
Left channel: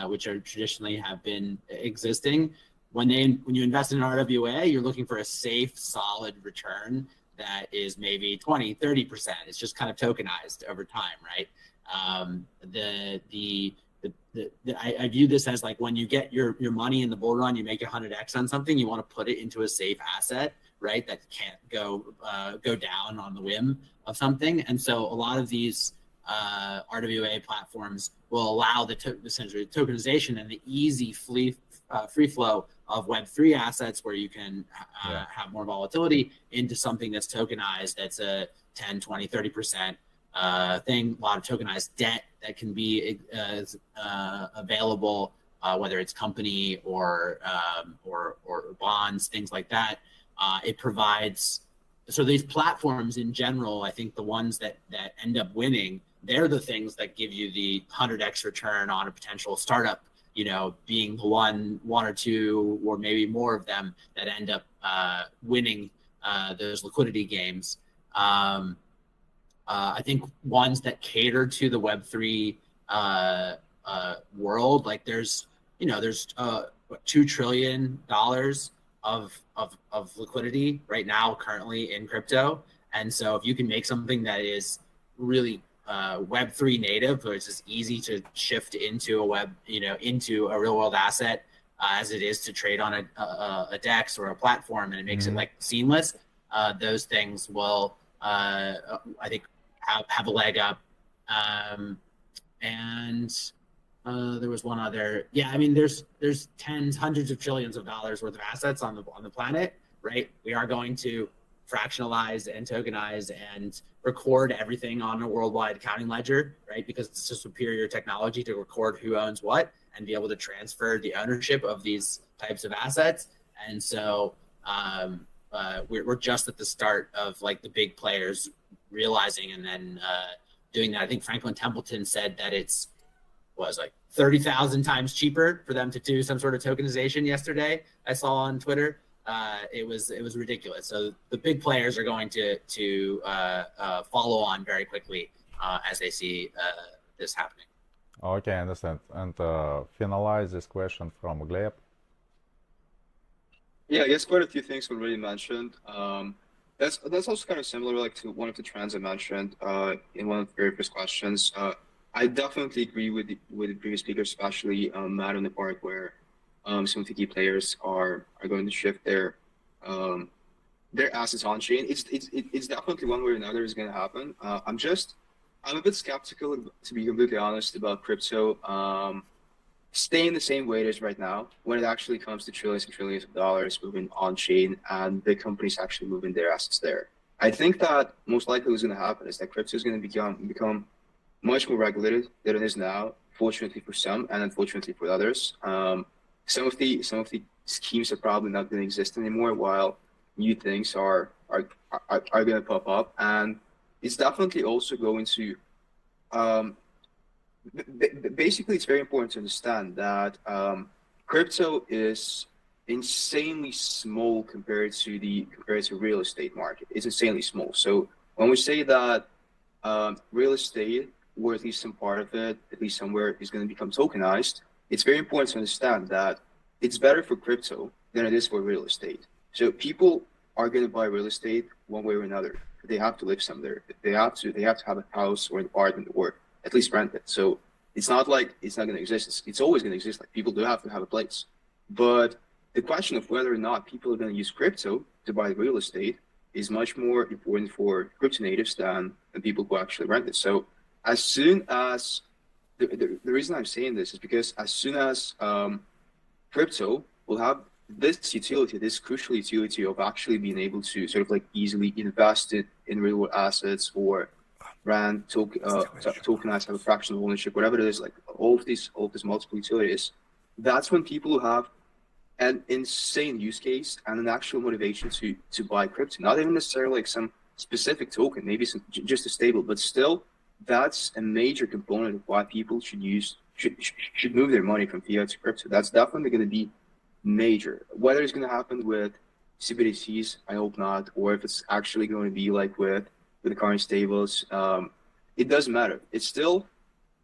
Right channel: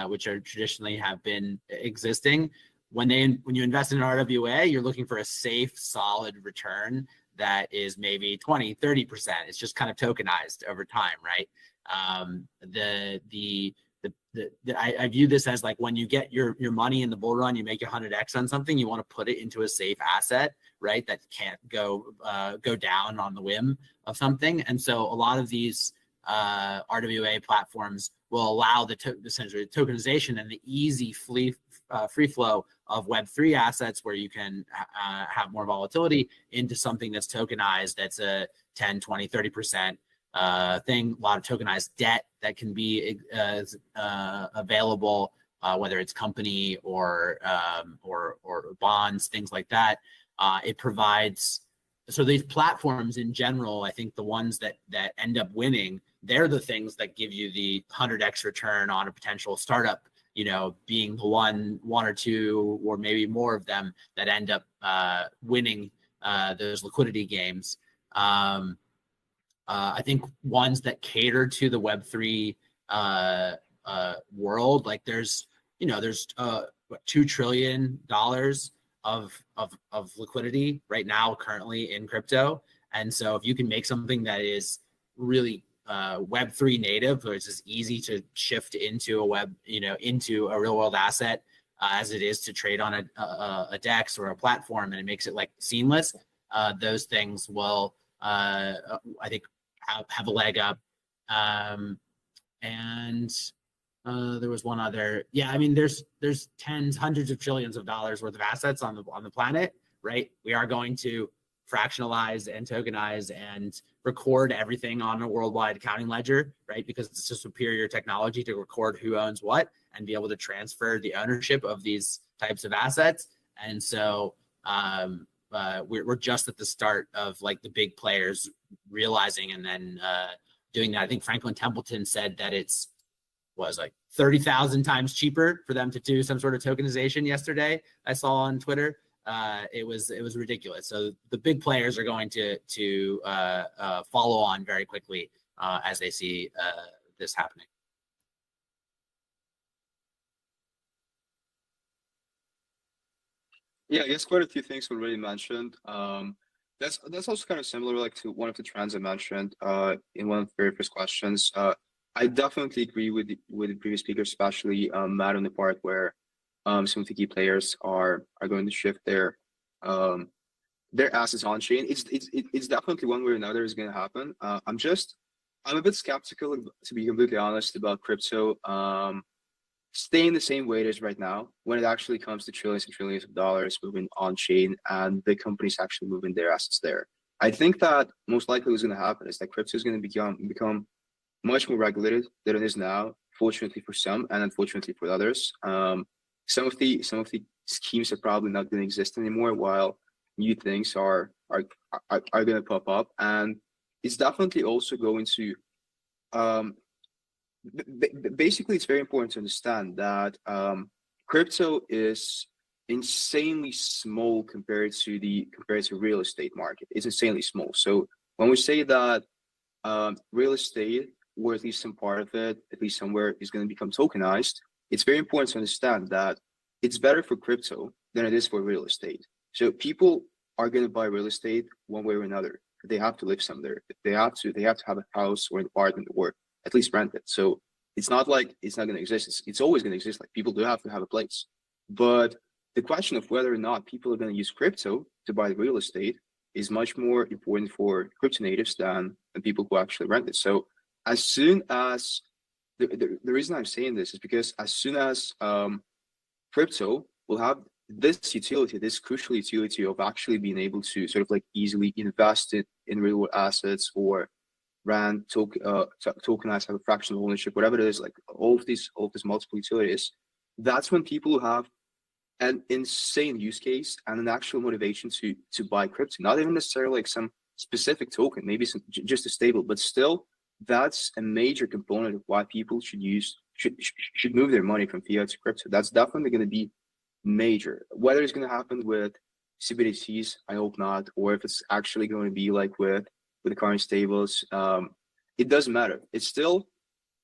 which are traditionally have been existing. When you invest in an RWA, you're looking for a safe, solid return that is maybe 20, 30%. It's just kind of tokenized over time, right? I view this as like when you get your money in the bull run, you make 100x on something, you want to put it into a safe asset, right? That can't go down on the whim of something. And so a lot of these RWA platforms will allow essentially tokenization and the easy free flow of Web3 assets where you can have more volatility into something that's tokenized, that's a 10, 20, 30% thing. A lot of tokenized debt that can be available, whether it's company or bonds, things like that. It provides, so these platforms in general, I think the ones that end up winning, they're the things that give you the 100x return on a potential startup, being the one or two or maybe more of them that end up winning those liquidity games. I think ones that cater to the Web3 world, like there's $2 trillion of liquidity right now currently in crypto. And so if you can make something that is really Web3 native, where it's just easy to shift into into a real world asset as it is to trade on a DEX or a platform, and it makes it like seamless, those things will, I think, have a leg up. And there was one other, there's tens, hundreds of trillions of dollars worth of assets on the planet, right? We are going to fractionalize and tokenize and record everything on a worldwide accounting ledger, right? Because it's a superior technology to record who owns what and be able to transfer the ownership of these types of assets. And so we're just at the start of like the big players realizing and then doing that. I think Franklin Templeton said that it's like 30,000 times cheaper for them to do some sort of tokenization yesterday. I saw on Twitter. It was ridiculous. So the big players are going to follow on very quickly as they see this happening. Okay, I understand. And finalize this question from Gleb. Yeah, I guess quite a few things were already mentioned. That's also kind of similar, like to one of the trends I mentioned in one of the very first questions. I definitely agree with the previous speaker, especially Matt, on the part where some of the key players are going to shift their assets on chain. It's definitely one way or another is going to happen. I'm a bit skeptical, to be completely honest, about crypto staying the same way it is right now when it actually comes to trillions and trillions of dollars moving on chain and big companies actually moving their assets there. I think that most likely what's going to happen is that crypto is going to become much more regulated than it is now. Fortunately for some, and unfortunately for others. Some of the schemes are probably not going to exist anymore, while new things are going to pop up, and it's definitely also going to. Basically, it's very important to understand that crypto is insanely small compared to real estate market. It's insanely small. So when we say that real estate, or at least some part of it, at least somewhere, is going to become tokenized, it's very important to understand that it's better for crypto than it is for real estate. So people are going to buy real estate one way or another. They have to live somewhere. They have to have a house or an apartment, or at least rent it. So it's not like it's not going to exist. It's always going to exist. Like, people do have to have a place. But the question of whether or not people are going to use crypto to buy real estate is much more important for crypto natives than people who actually rent it. So as soon as the reason I'm saying this is because as soon as crypto will have this utility, this crucial utility of actually being able to sort of like easily invest it in real world assets, or rent, tokenize, have a fractional ownership, whatever it is, like all of these multiple utilities, that's when people who have an insane use case and an actual motivation to buy crypto, not even necessarily like some specific token, maybe just a stable, but still, that's a major component of why people should move their money from fiat to crypto. That's definitely going to be major. Whether it's going to happen with CBDCs, I hope not, or if it's actually going to be like with the current stables, it doesn't matter. It's still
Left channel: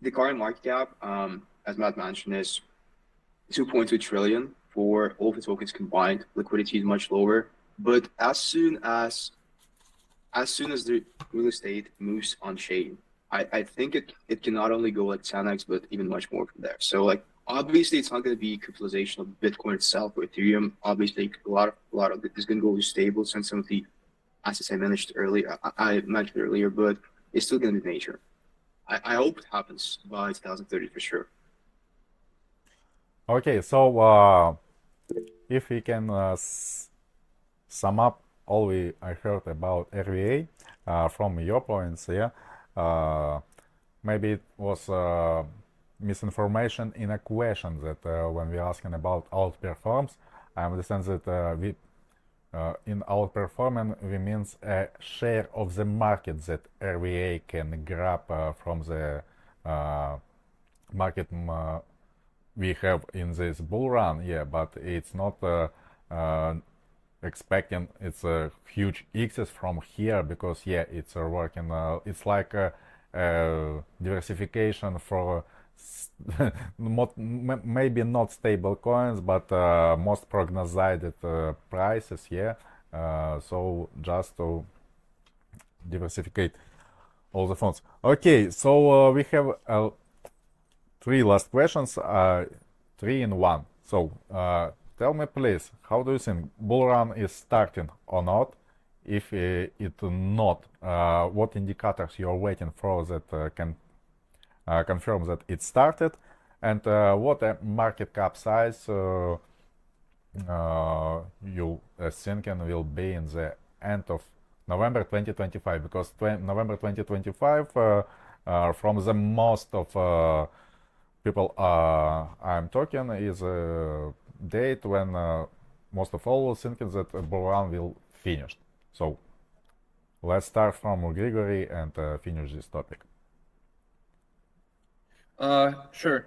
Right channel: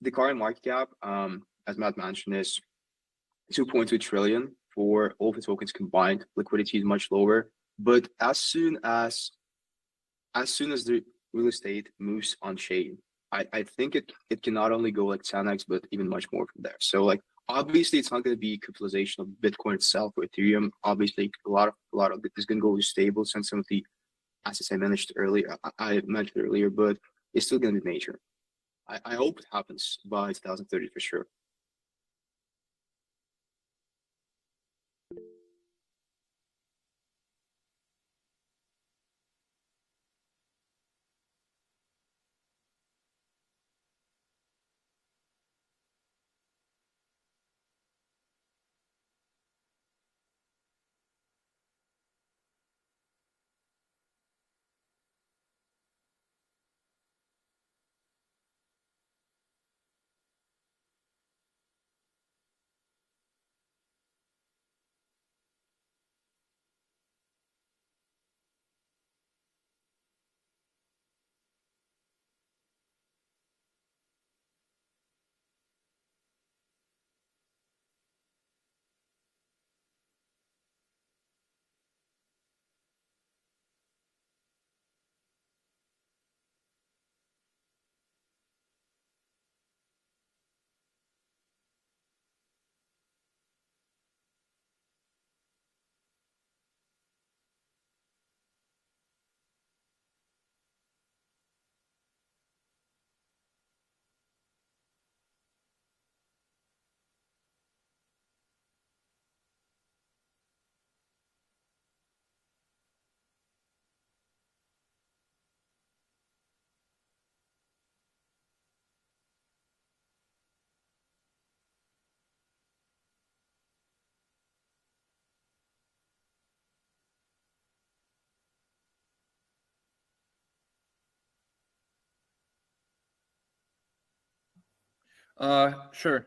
the current market cap, as Matt mentioned, is 2.2 trillion for all the tokens combined. Liquidity is much lower, but as soon as the real estate moves on chain, I think it can not only go like 10x, but even much more from there. So like, obviously, it's not going to be capitalization of Bitcoin itself or Ethereum. Obviously, a lot of it is going to go to stables and some of the assets I mentioned earlier, but it's still going to be major. I hope it happens by 2030 for sure. Okay, so if we can sum up all I heard about RVA from your points, yeah, maybe it was misinformation in a question that when we're asking about outperforms, I understand that in outperforming we means a share of the market that RVA can grab from the market we have in this bull run, yeah, but it's not expecting it's a huge X's from here, because yeah, it's working, it's like a diversification for maybe not stable coins, but most prognosticated prices, yeah. So just to diversify all the funds. Okay, so we have 3 last questions, 3 in 1. So tell me please, how do you think bull run is starting or not? If it not, what indicators you're waiting for that can confirm that it started, and what a market cap size you thinking will be in the end of November 2025, because November 2025 from the most of people I'm talking is a date when most of all thinking that bull run will finish. So let's start from Grigory and finish this topic. Sure.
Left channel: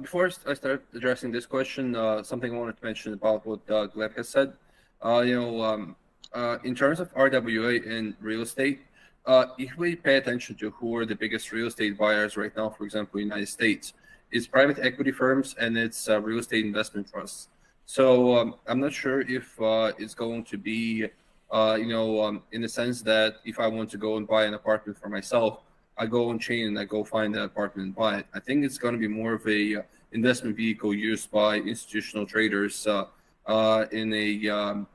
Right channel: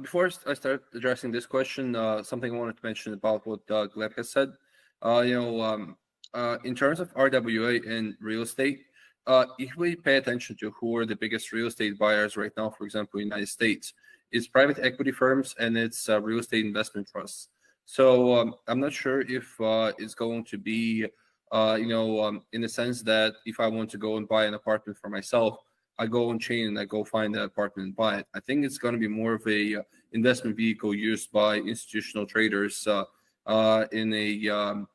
Before I start addressing this question, something I wanted to mention about what Gleb has said. In terms of RWA in real estate, if we pay attention to who are the biggest real estate buyers right now, for example, in the United States, it's private equity firms and it's real estate investment trusts. So I'm not sure if it's going to be, in the sense that if I want to go and buy an apartment for myself, I go on chain and I go find that apartment and buy it. I think it's going to be more of a investment vehicle used by institutional traders in a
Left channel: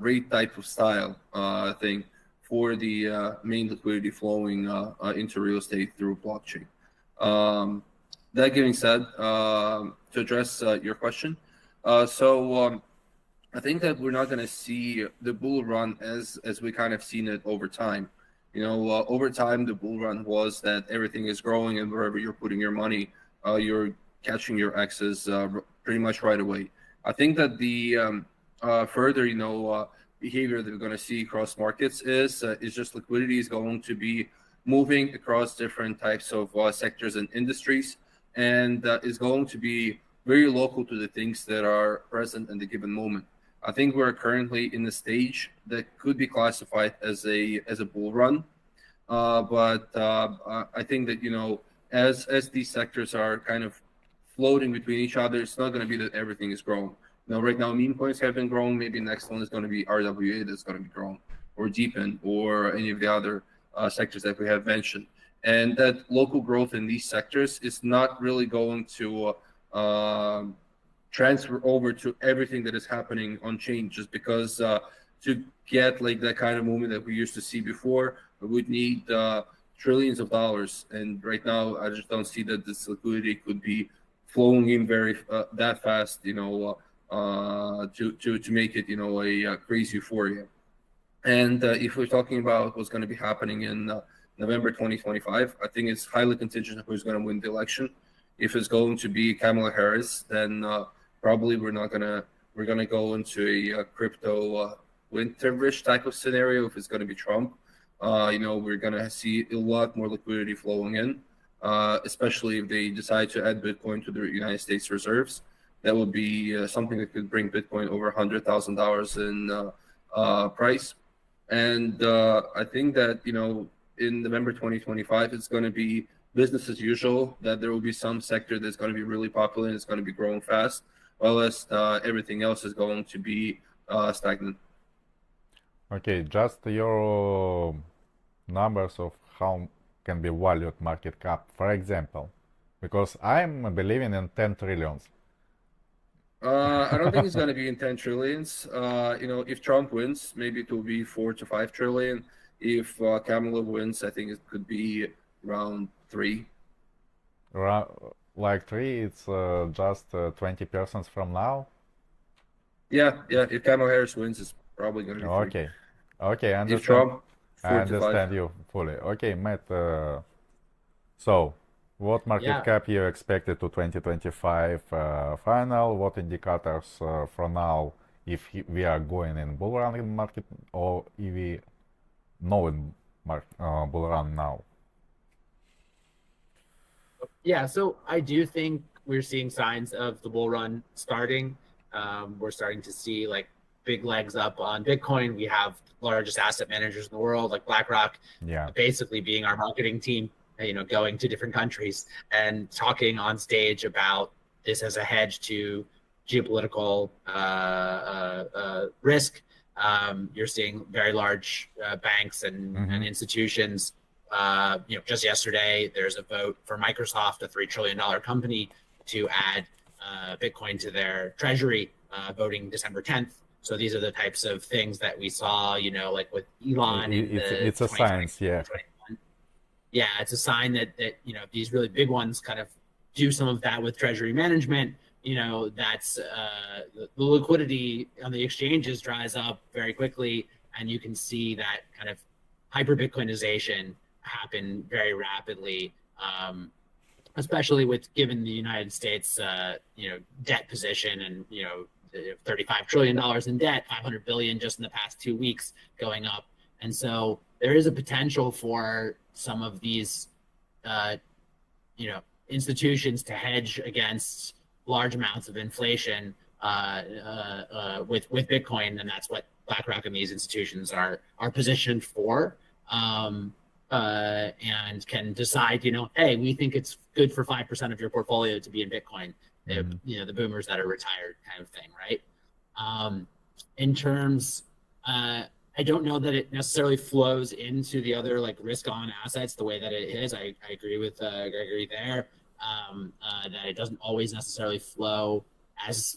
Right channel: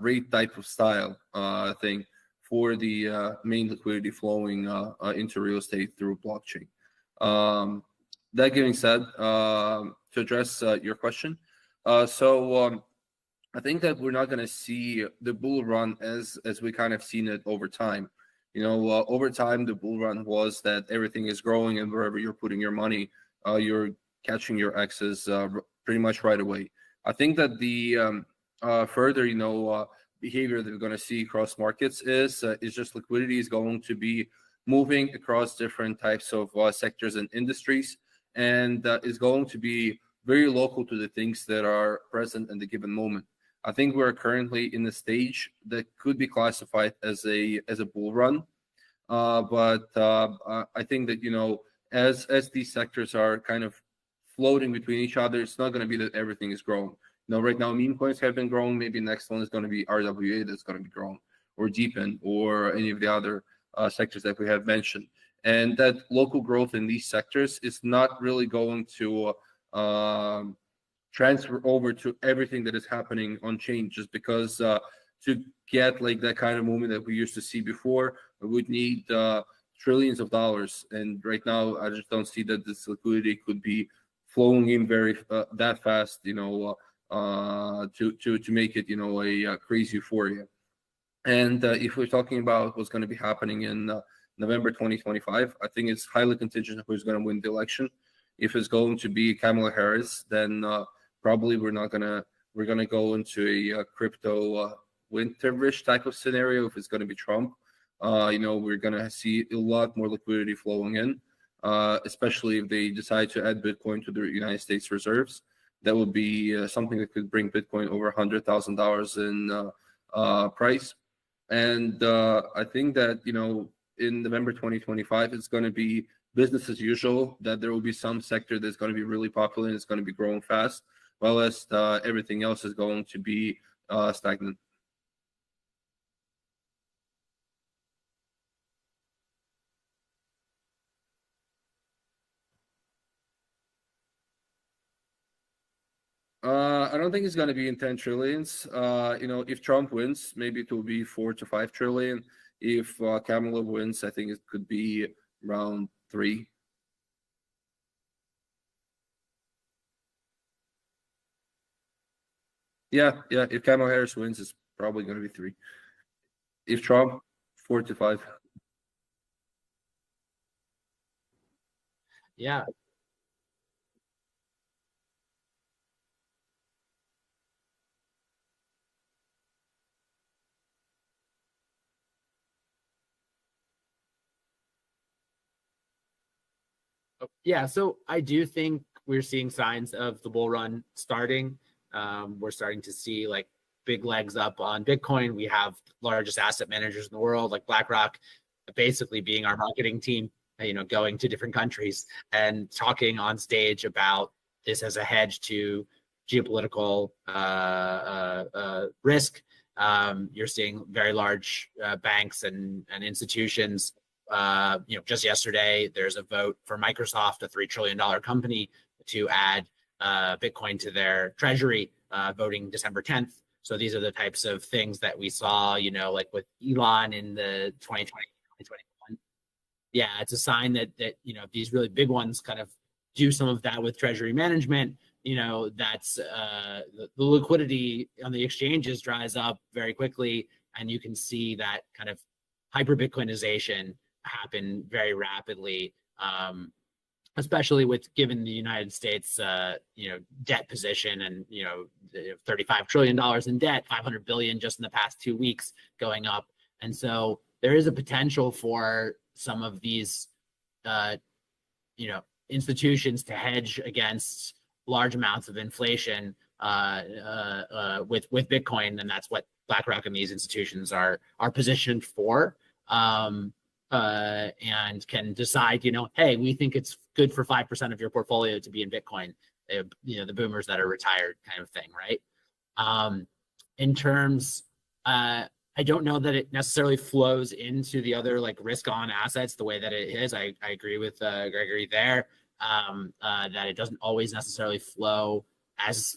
rate type of style thing for the main liquidity flowing into real estate through blockchain. That being said, to address your question, so I think that we're not going to see the bull run as we kind of seen it over time. Over time, the bull run was that everything is growing, and wherever you're putting your money, you're catching your X's pretty much right away. I think that the further, behavior that we're going to see across markets is just liquidity is going to be moving across different types of sectors and industries, and is going to be very local to the things that are present in the given moment. I think we're currently in a stage that could be classified as a bull run, but I think that as these sectors are kind of floating between each other, it's not going to be that everything is growing. Right now meme coins have been growing. Maybe next one is going to be RWA that's going to be growing, or Deepen, or any of the other sectors that we have mentioned. And that local growth in these sectors is not really going to transfer over to everything that is happening on chain, just because to get like that kind of movement that we used to see before, we would need trillions of dollars. And right now, I just don't see that this liquidity could be flowing in very that fast, to make it, a crazy euphoria. And if we're talking about what's going to be happening in November 2025, I think it's highly contingent on who's going to win the election. If it's going to be Kamala Harris, then probably we're going to go into a crypto winterish type of scenario. If it's going to be Trump, we're going to see a lot more liquidity flowing in, especially if they decide to add Bitcoin to the United States reserves. That would be something that could bring Bitcoin over $100,000 in price. And I think that, in November 2025, it's going to be business as usual, that there will be some sector that's going to be really popular and it's going to be growing fast, while as everything else is going to be stagnant. Okay, just your numbers of how can be valued market cap, for example, because I'm believing in 10 trillions. I don't think it's going to be in 10 trillions. If Trump wins, maybe it will be 4 to 5 trillion. If Kamala wins, I think it could be around 3. Like 3, it's just 20% from now? Yeah. If Kamala Harris wins, it's probably going to be 3. Okay, I understand. If Trump, 4 I to 5. understand you fully. Okay, Matt, so what market cap you expected to 2025 final? What indicators for now, if we are going in bull run in market, or if we know in bull run now? Yeah, so I do think we're seeing signs of the bull run starting. We're starting to see like big legs up on Bitcoin. We have largest asset managers in the world, like BlackRock, basically being our marketing team, going to different countries and talking on stage about this as a hedge to geopolitical risk. You're seeing very large banks and institutions. Just yesterday, there's a vote for Microsoft, a $3 trillion company, to add Bitcoin to their treasury, voting December 10th. So these are the types of things that we saw, like with Elon it's a science, yeah, it's a sign that these really big ones kind of do some of that with treasury management. That's the liquidity on the exchanges dries up very quickly, and you can see that kind of hyper Bitcoinization happen very rapidly, especially given the United States debt position, and $35 trillion in debt, 500 billion just in the past 2 weeks going up. And so there is a potential for some of these institutions to hedge against large amounts of inflation with Bitcoin, and that's what BlackRock and these institutions are positioned for, and can decide, hey, we think it's good for 5% of your portfolio to be in Bitcoin. The boomers that are retired kind of thing, right? In terms, I don't know that it necessarily flows into the other like risk-on assets the way that it is. I agree with Gregory there, that it doesn't always necessarily flow as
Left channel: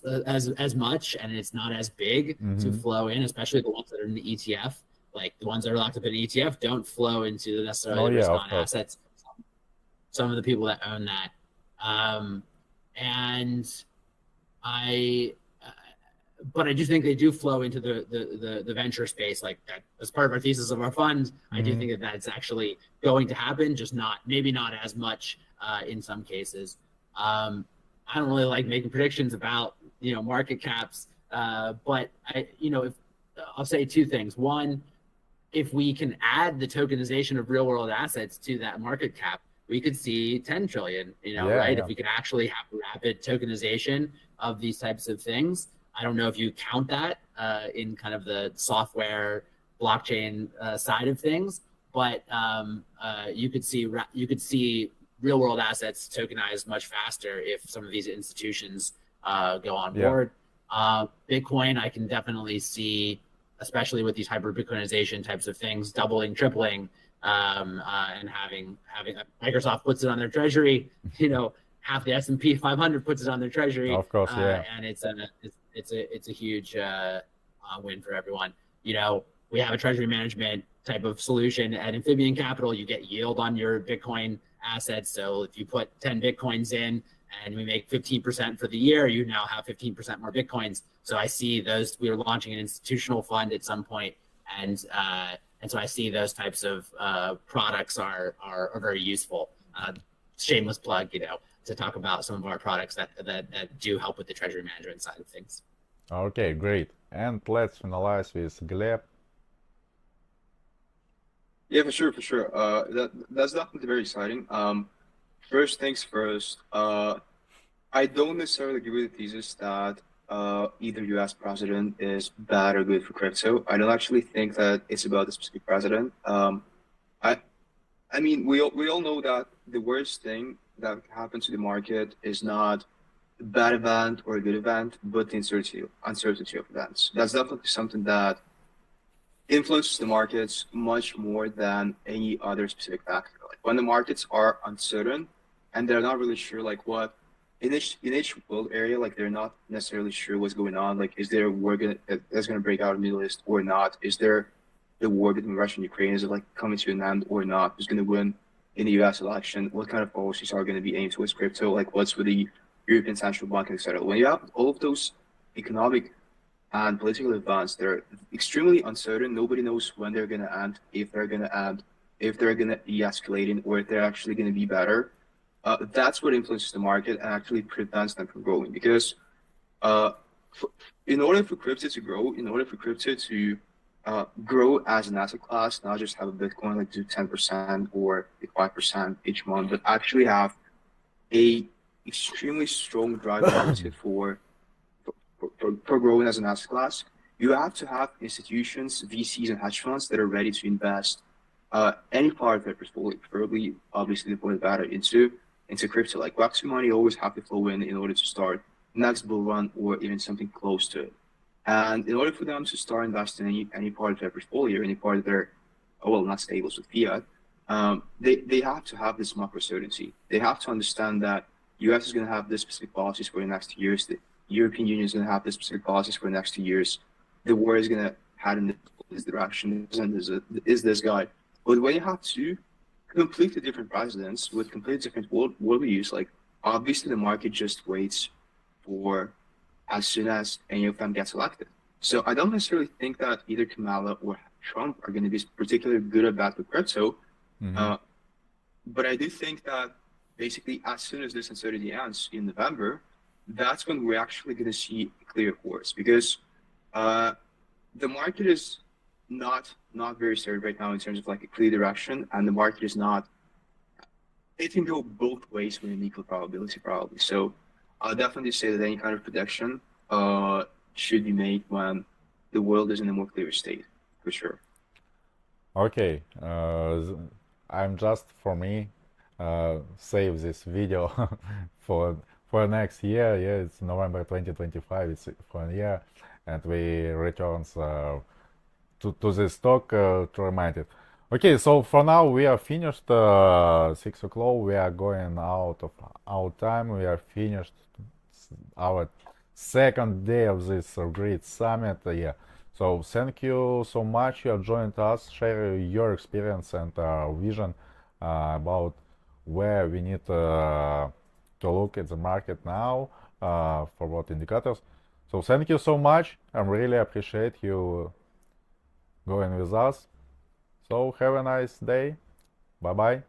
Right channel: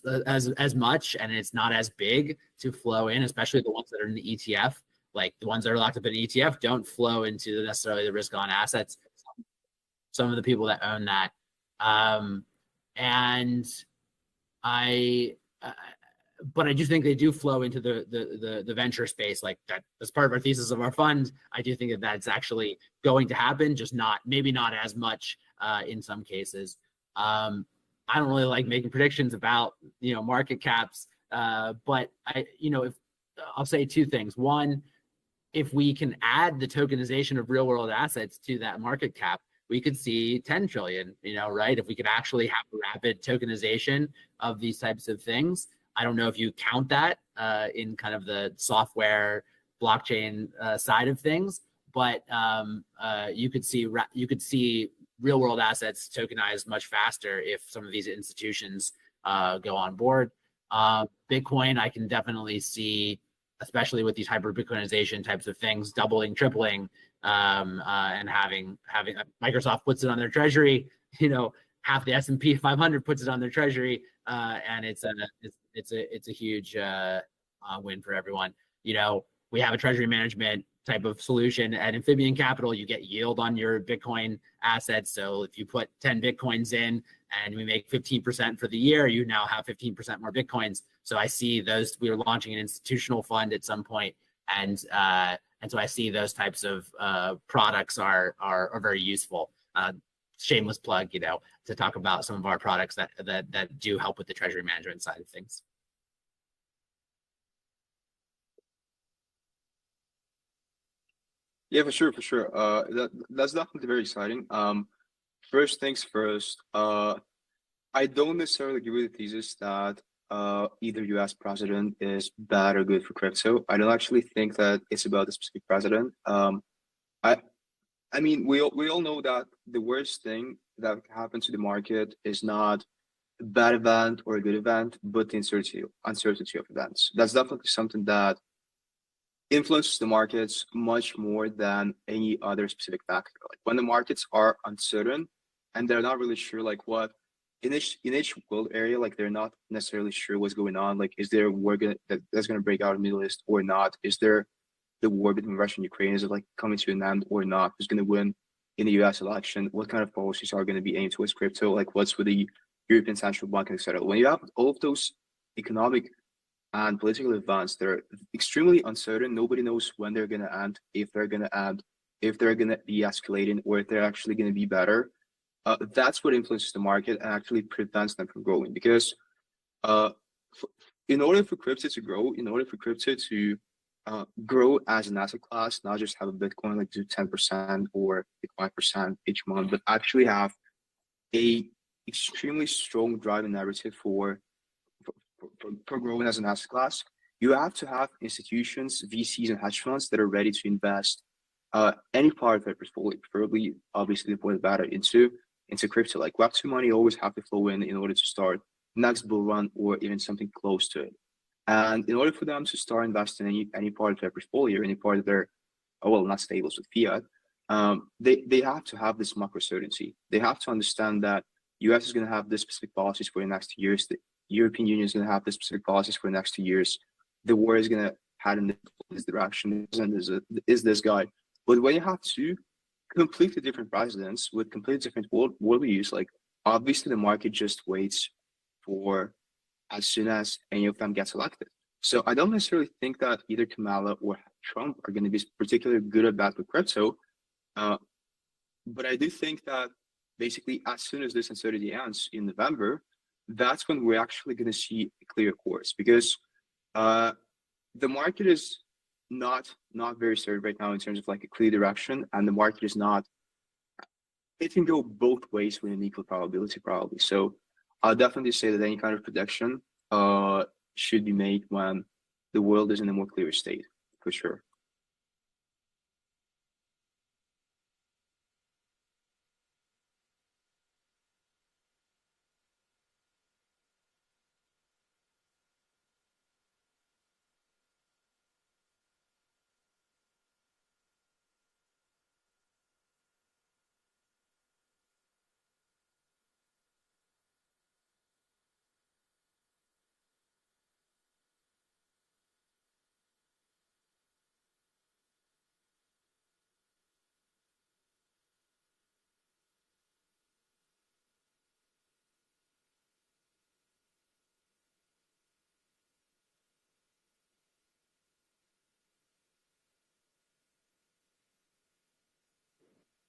much, and it's not as big to flow in, especially the ones that are in the ETF. Like the ones that are locked up in the ETF don't flow into necessarily the risk-on assets. Some of the people that own that, and but I do think they do flow into the venture space, like that as part of our thesis of our fund. I do think that that's actually going to happen, just maybe not as much in some cases. I don't really like making predictions about market caps, but I'll say two things. One, if we can add the tokenization of real world assets to that market cap, we could see 10 trillion, right? Yeah. If we could actually have rapid tokenization of these types of things. I don't know if you count that in kind of the software blockchain side of things, but you could see real world assets tokenized much faster if some of these institutions go on board. Bitcoin, I can definitely see, especially with these hyper Bitcoinization types of things, doubling, tripling, and having Microsoft puts it on their treasury, half the S&P 500 puts it on their treasury, of course, and it's a huge win for everyone. We have a treasury management type of solution at Amphibian Capital. You get yield on your Bitcoin assets. So if you put 10 Bitcoins in and we make 15% for the year, you now have 15% more Bitcoins. So I see those. We are launching an institutional fund at some point, and so I see those types of products are very useful. Shameless plug, to talk about some of our products that do help with the treasury management side of things. Okay, great. And let's finalize with Gleb. Yeah, for sure. That's definitely very exciting. First things first, I don't necessarily agree with the thesis that either U.S. president is bad or good for crypto. I don't actually think that it's about the specific president. I mean, we all know that the worst thing that happens to the market is not a bad event or a good event, but the uncertainty of events. That's definitely something that influences the markets much more than any other specific factor. Like when the markets are uncertain and they're not really sure, like what in each world area, like they're not necessarily sure what's going on. Like, is there a war that's gonna break out in the Middle East or not? Is there the war between Russia and Ukraine, is it like coming to an end or not? Who's gonna win in the U.S. election? What kind of policies are gonna be aimed towards crypto? Like, what's with the European Central Bank, etc. When you have all of those economic and political events, they're extremely uncertain. Nobody knows when they're gonna end, if they're gonna be escalating, or if they're actually gonna be better. That's what influences the market and actually prevents them from growing. Because in order for crypto to grow, in order for crypto to grow as an asset class, not just have a Bitcoin like do 10% or 5% each month, but actually have a extremely strong driving narrative for growing as an asset class, you have to have institutions, VCs, and hedge funds that are ready to invest any part of their portfolio, preferably, obviously, the point of data into crypto. Like Web2 money always have to flow in order to start next bull run or even something close to it. And in order for them to start investing in any part of their portfolio, any part of their, not stables with fiat, they have to have this macro certainty. They have to understand that US is going to have this specific policies for the next 2 years. The European Union is going to have this specific policies for the next 2 years. The war is going to head in this direction. Is this guy? But when you have two completely different presidents with completely different worldviews, like obviously the market just waits for as soon as any of them gets elected. So I don't necessarily think that either Kamala or Trump are going to be particularly good or bad with crypto. But I do think that basically as soon as this uncertainty ends in November, that's when we're actually going to see a clear course, because the market is not very certain right now in terms of like a clear direction, and the market is not, it can go both ways with an equal probability probably. So I'll definitely say that any kind of prediction should be made when the world is in a more clear state, for sure. Okay, I'm just, for me, save this video for next year. Yeah, it's November 2025, it's for a year, and we returns to this talk to remind it. Okay, so for now we are finished. 6 o'clock, we are going out of our time. We are finished our second day of this great summit. Yeah, so thank you so much you have joined us, share your experience and vision about where we need to look at the market now, for what indicators. So thank you so much. I really appreciate you going with us. So have a nice day. Bye bye.